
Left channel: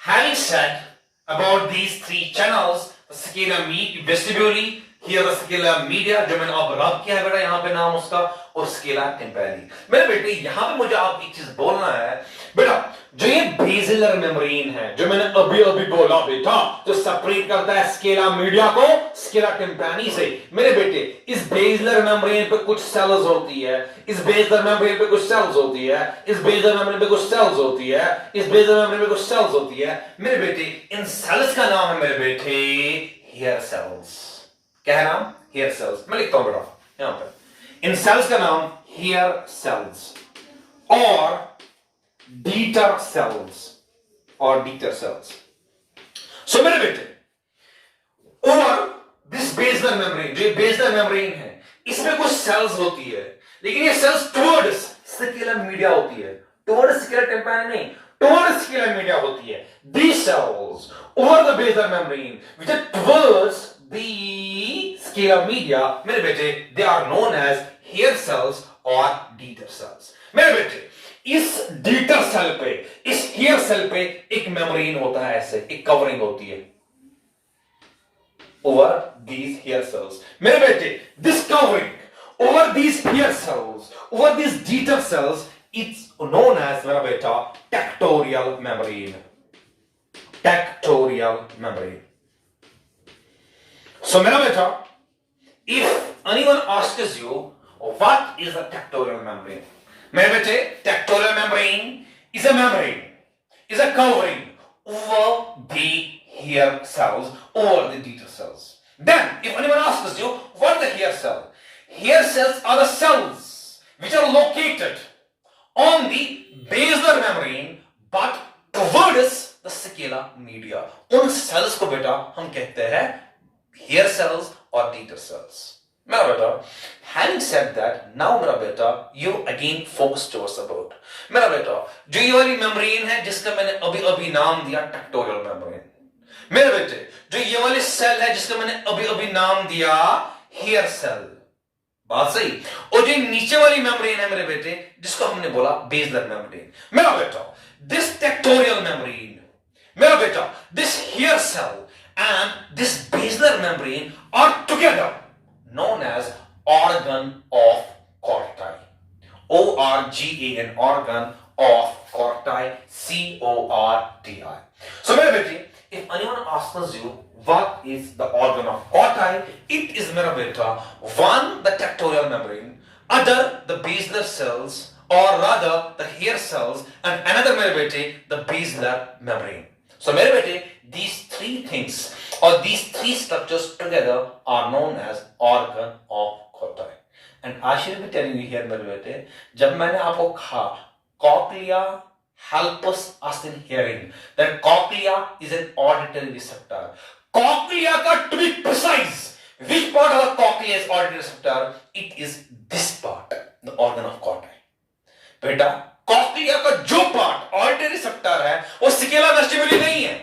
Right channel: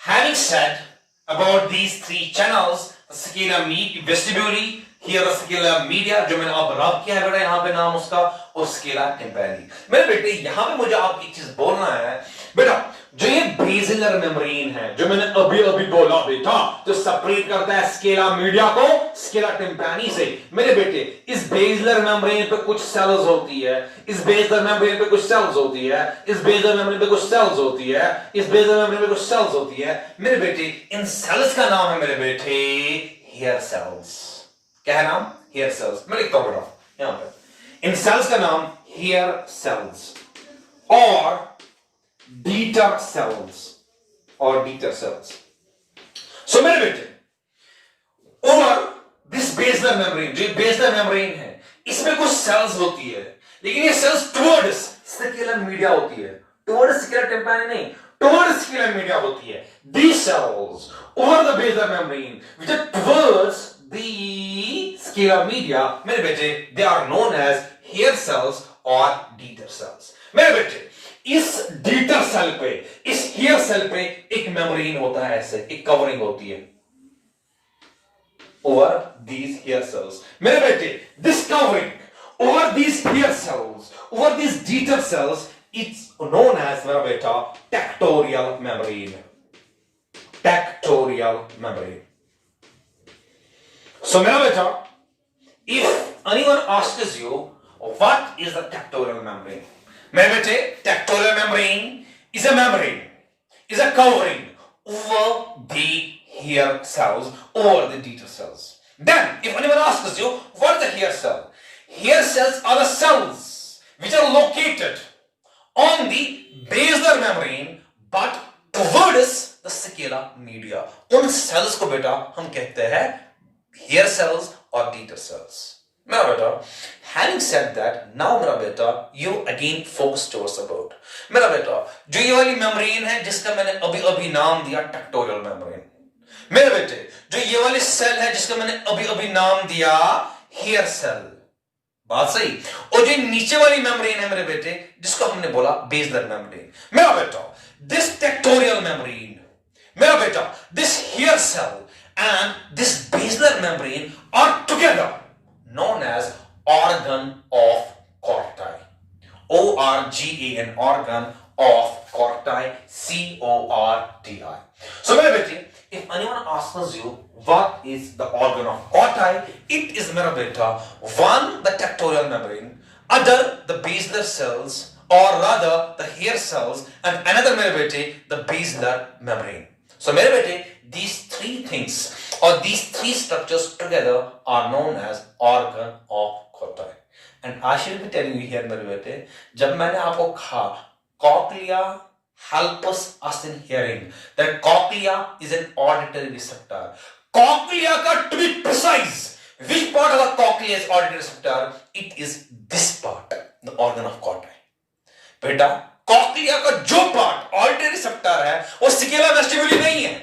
having said about these three channels, the scala vestibuli, here the scala media, जो मैंने अब रब किया है बेटा यहाँ पे नाम उसका, और स्केला टिम्पैनी. मेरे बेटे यहाँ पे मुझे आप एक चीज बोलना है बेटा, जो ये बेसिलर मेम्ब्रेन है जो मैंने अभी अभी बोला बेटा, जो सेपरेट करता है स्केला मीडिया को स्केला टिम्पैनी से, मेरे बेटे इस बेसिलर मेम्ब्रेन पे कुछ सेल्स होती है, इस बेसिलर मेम्ब्रेन पे कुछ सेल्स होती है, इस बेसिलर मेम्ब्रेन पे कुछ सेल्स होती है, इस बेसिलर मेम्ब्रेन पे कुछ सेल्स होती है मेरे बेटे. इन सेल्स का नाम है मेरे बेटे हेयर सेल्स. क्या है नाम? Hair cells. मैं लिखता हूं बेटा यहां पे, इन सेल्स का नाम हेयर सेल्स. और डीटर सेल्स और डीटर सेल्स। सो मेरे बेटे और दिस बेसलर मेम्ब्रेन, जो बेसलर मेम्ब्रेन है, इसमें कुछ सेल्स होती है, लेकिन ये सेल्स टुवर्ड्स स्केलर मीडिया होती है, टुवर्ड्स स्केलर टेम्पैनी नहीं, टुवर्ड्स स्केलर मीडिया होती है। These cells over the basal membrane which are towards the scalar media, मेरे बेटे, they are known as hair cells और Dieter cells। मेरे बेटे, इस Dieter सेल पे, इस hair सेल पे एक मेम्ब्रेन होता है, ऐसे एक कवरिंग होती है over these hair cells। मेरे बेटे, this covering over these hair cells, over these Dieter cells, it's known as, मेरा बेटा, tectorial membrane। Tectorial membrane। So मेरा बेटा, if anyone asks you what is the tectorial membrane, मेरे बेटे, tectorial membrane is a membrane, is a covering over the hair cells or the Dieter cells. Then, if anyone asks you what is the hair cell, hair cells are the cells which are located on the basal membrane but towards the scalar media। उन cells को बेटा हम कहते हैं hair cells और Dieter cells। मेरा बेटा, having said that, now मेरा बेटा, you again focus towards about। मेरा बेटा, जो ये वाली membrane है जिसका मैंने अभी अभी नाम दिया tectorial membrane। मेरे बेटे, जो ये वाली सेल है जिसका मैंने अभी अभी नाम दिया hair cell, बात सही। और जो नीचे वाली मेम्ब्रेन है मेरे बेटे, जिसको हमने बोला बेसलर मेम्ब्रेन, मेरा बेटा, दिस टेक्टोरियल मेम्ब्रेन, मेरा बेटा, this hair cell and this basilar membrane are together known as organ of Corti. ORGAN, organ of corti, CORTI। So मेरे बेटे, if anyone asks you what is the organ of corti, it is मेरा बेटा, one the tectorial membrane, other the basilar cells or rather the hair cells, and another मेरे बेटे the basilar membrane। So मेरे बेटे, these three things or these three structures together are known as organ of corti। And I shall be telling you here मेरे बेटे, जब मैंने आपको कहा cochlea helps us in hearing, that cochlea is an auditory receptor। cochlea का to be precise, which part of the cochlea is auditory receptor? It is this part, the organ of corti। बेटा, cochlea का जो part auditory receptor है, वो scala vestibuli नहीं है,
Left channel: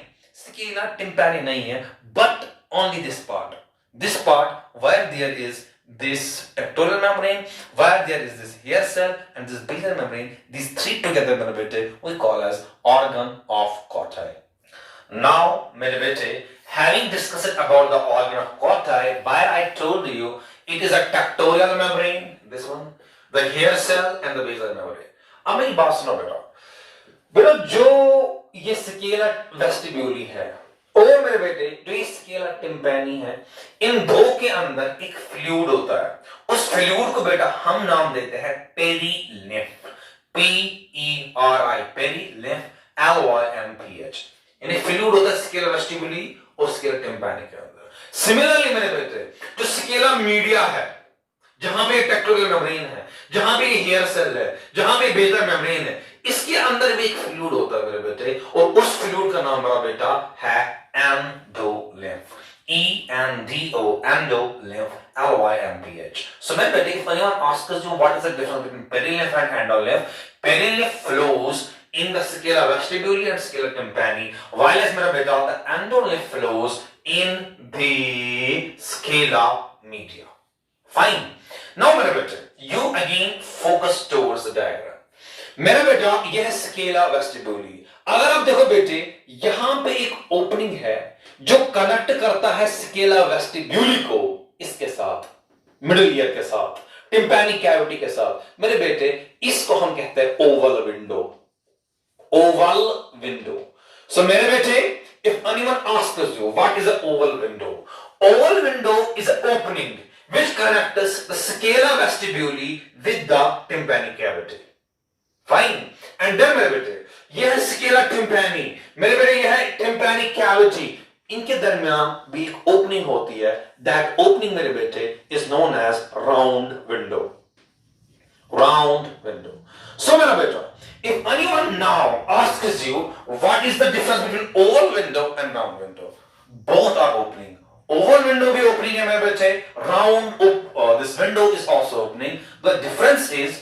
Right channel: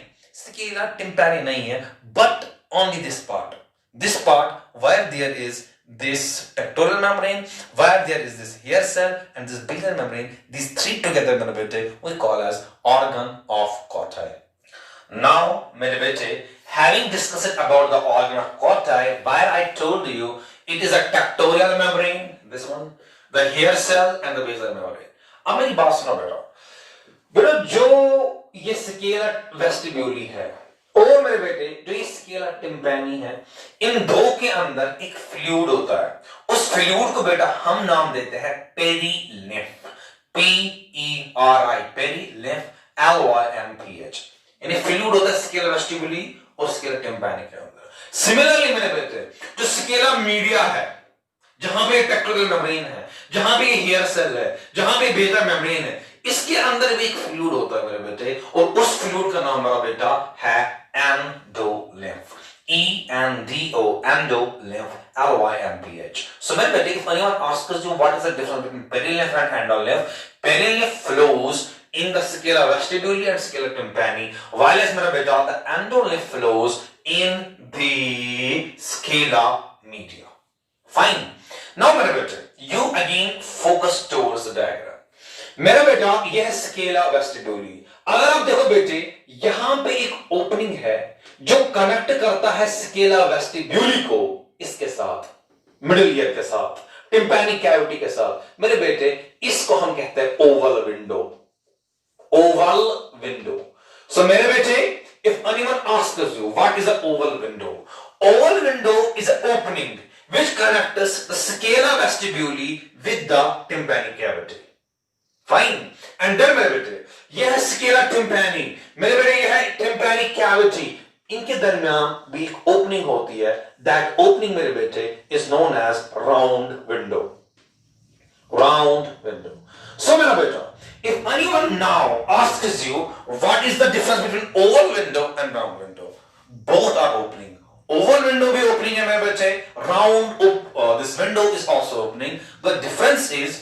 scala tympani नहीं है, but only this part। This part where there is this tectorial membrane, where there is this hair cell and this basal membrane, these three together मेरे बेटे we call as organ of corti। Now मेरे बेटे, having discussed about the organ of corti, where I told you it is a tectorial membrane, this one, the hair cell and the basal membrane। अब मेरी बात सुनो बेटा, बेटा जो ये स्केलर वेस्टिब्यूली है और मेरे बेटे जो ये स्केलर टिम्पैनी है, इन दो के अंदर एक फ्लूइड होता है। उस फ्लूइड को बेटा हम नाम देते हैं पेरीलिम्फ, PERI, पेरीलिम्फ, LYMPH। यानी फ्लूइड होता है स्केलर वेस्टिब्यूली और स्केलर टिम्पैनी के अंदर। सिमिलरली मेरे बेटे, जो स्केलर मीडिया है, जहां पे टेक्टोरियल मेम्ब्रेन है, जहां पे हेयर सेल है, जहां पे बेसलर मेम्ब्रेन है, इसके अंदर भी एक फ्लूइड होता है मेरे बेटे, और उस फ्लूइड का नाम मेरा बेटा है endolymph, ENDO, endolymph, LYMPH। So मेरे बेटे, if anyone asks you what is the difference between perilymph and endolymph, perilymph flows in the scala vestibuli and scala tympani, while as मेरा बेटा the endolymph flows in the scala media। Fine। Now मेरे बेटे, you again focus towards the diagram। मेरे बेटा, यह Scala वेस्टिब्यूली। अगर आप देखो बेटे, यहां पे एक ओपनिंग है जो कनेक्ट करता है स्केला वेस्टिब्यूली को इसके साथ, मिडिल ईयर के साथ, टिम्पैनी कैविटी के साथ। मेरे बेटे, इसको हम कहते हैं ओवल विंडो, ओवल विंडो। सो मेरे बेटे, if anyone asks you what is an oval window is an opening which connects the scala vestibuli with the tympanic cavity। Fine. And then मेरे बेटे, यह स्केला टिम्पैनी, मेरे बेटे यह है टिम्पैनी कैविटी, इनके दरमियान भी एक ओपनिंग होती है। दैट ओपनिंग मेरे बेटे is known as round window, round window. So मेरा बेटा, If anyone now asks you what is the difference between oval window and round window, both are opening. Oval window भी opening है मेरे बच्चे, round this window is also opening. The difference is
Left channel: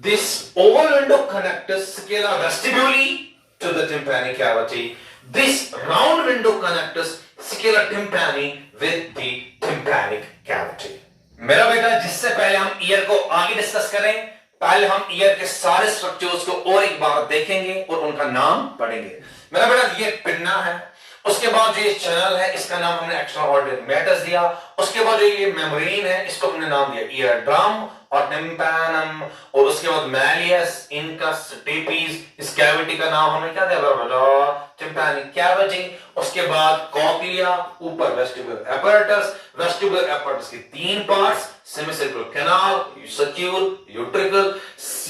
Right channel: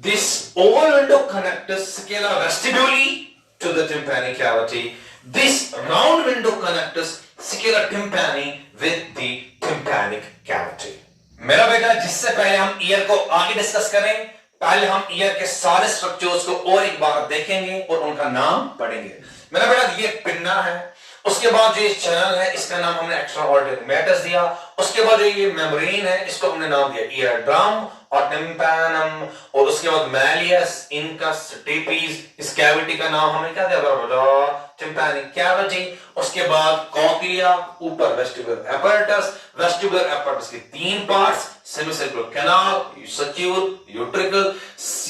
this oval window connects scala vestibuli to the tympanic cavity. This round window connects scala tympani with the tympanic cavity. मेरा बेटा, जिससे पहले हम year को आगे डिस्कस करें, पहले हम ईयर के सारे स्ट्रक्चर्स को और एक बार देखेंगे और उनका नाम पढ़ेंगे। मेरा बेटा, ये पिन्ना है, उसके बाद जो ये चैनल है इसका नाम हमने एक्स्ट्रा ऑर्डिनरी मैटर्स दिया, उसके बाद जो ये मेम्ब्रेन है इसको हमने नाम दिया ईयर ड्रम और टिम्पैनम, और उसके बाद मैलियस, इनकस, स्टेपीज, इस कैविटी का नाम हमने क्या दिया? tympanic cavity। उसके बाद कॉक्लिया, ऊपर वेस्टिबुलर apparatus, वेस्टिबुलर apparatus के तीन parts, semicircular canal, saccule, utricle.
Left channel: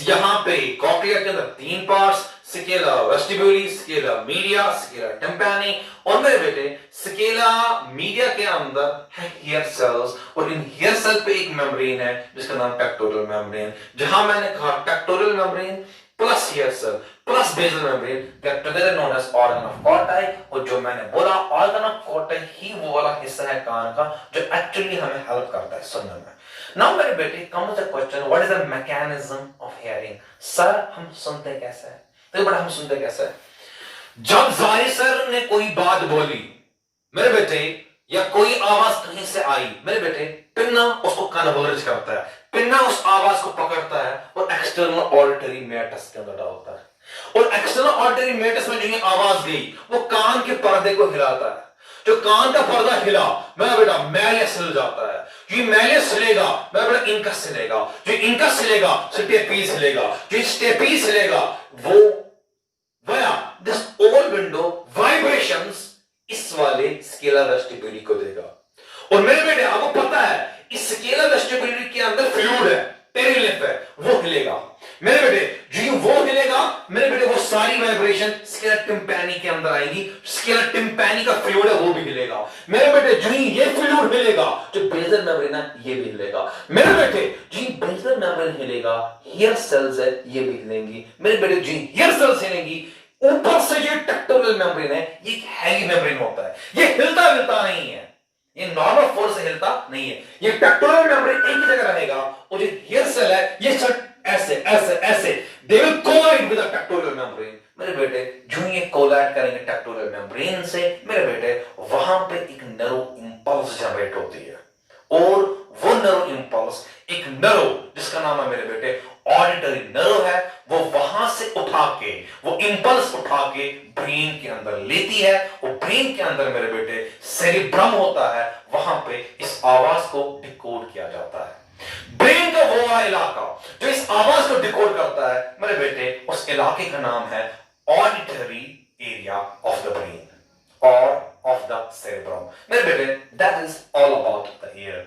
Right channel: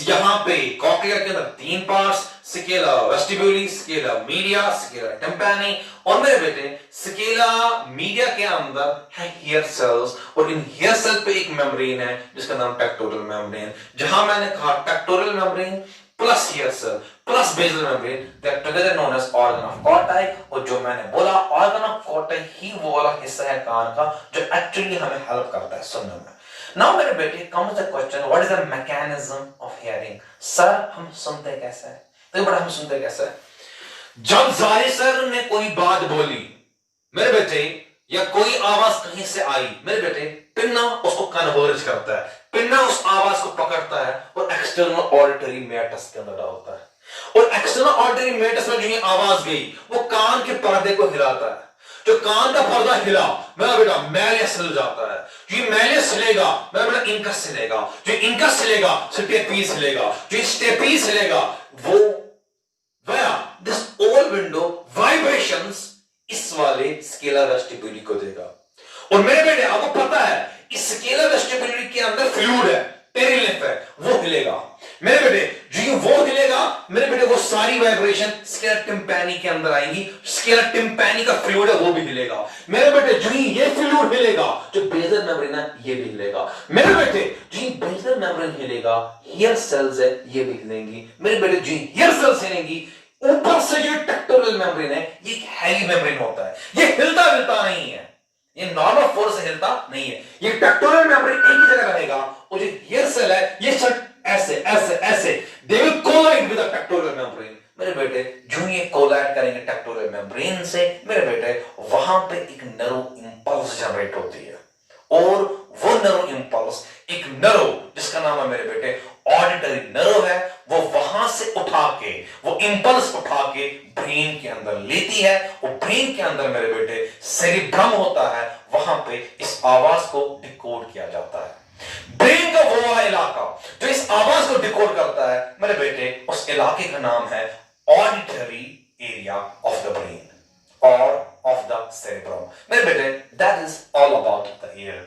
यहां पे कॉक्लिया के अंदर तीन parts, scala vestibuli, scala media, scala tympani. और मेरे बेटे, स्केला मीडिया के अंदर है हेयर सेल्स, और इन हेयर सेल पे एक मेम्ब्रेन है जिसका नाम पेक्टोरल मेम्ब्रेन। जहां मैंने कहा pectoral membrane plus hair cell plus basal membrane, that together known as organ of Corti. और जो मैंने बोला, ऑर्गन ऑफ कॉर्टाई ही वो वाला हिस्सा है कान का जो एक्चुअली हमें हेल्प करता है सुनने में। नाउ मेरे बेटे, comes the question, what is the mechanism of hearing? Sir, हम सुनते कैसे हैं? तो बड़ा हम सुनते कैसे हैं? जब जाहिर सर ने कोई बात बोली मेरे बेटे, या कोई आवाज कहीं से आई मेरे बेटे, पिन्ना उसको कन्वर्ज करता है, पिन्ना उस आवाज को पकड़ता है और एक्सटर्नल ऑडिटरी मैटस के अंदर डालता है, और एक्सटर्नल ऑडिटरी मैटस में जो ये आवाज गई वो कान के पर्दे को हिलाता है। जो कान का पर्दा हिला मेरा बेटा, मैलियस हिल जाता है। जो मैलियस हिलेगा मेरा बेटा, इनकस हिलेगा। जो इनकस हिलेगा स्टेपीज हिलेगा। जो स्टेपीज हिलेगा वो वया दिस ओवल विंडो वाइब्रेशंस इस वाले स्केला वेस्टिब्यूली को देगा। और मेरे बेटे, आपको पता है इस स्केला वेस्टिब्यूली के अंदर फ्लूइड है, पेरिलिम्फ है, वो हिलेगा मेरे बेटे। जो वो हिलेगा मेरे बेटे, वो सारी वाइब्रेशन स्केला टिम्पैनी के अंदर आएंगी। स्केला टिम्पैनी का फ्लूइड है वो भी हिलेगा मेरे बेटे। जो ये फ्लूइड हिलेगा, जो बेसल मेम्ब्रेन है ये भी हिलेगा मेरे बेटे। जो बेसल मेम्ब्रेन हिलेगा, हेयर सेल्स है ये भी हिलेंगी मेरे बेटे। जो हेयर सेल्स हिलेंगी, ऊपर से जो टेक्टोरल मेम्ब्रेन है ये एक हैवी मेम्ब्रेन होता है, ये हिलता हिलता नहीं है, ये नॉर्मल फोर्स से हिलता नहीं है। ये पेक्टोरल मेम्ब्रेन एक ही जगह रहेगा, और जो हेयर सेल है ये सब ऐसे ऐसे ऐसे they will collide with the pectoral membrane मेरे बेटे। जो ये कोलाइड करेंगे पेक्टोरल मेम्ब्रेन से मेरे बेटे, वहां पे एक नर्व इंपल्स जनरेट होती है, और वो नर्व इंपल्स एक नर्व जिसका नाम है मेरे बेटे ऑडिटरी नर्व है, वो वहां से उठा के, वो इंपल्स उठा के ब्रेन के अंदर लेती है। वो ब्रेन के अंदर मेरे बेटे सेरिब्रम होता है, वहां पे इस आवाज को डिकोड किया जाता है। ब्रेन का वो वाला इलाका जो इस आवाज को डिकोड करता है मेरे बेटे, उस इलाके का नाम है auditory area of the brain और ऑफ द सेरिब्रम मेरे बेटे। That is all about the year.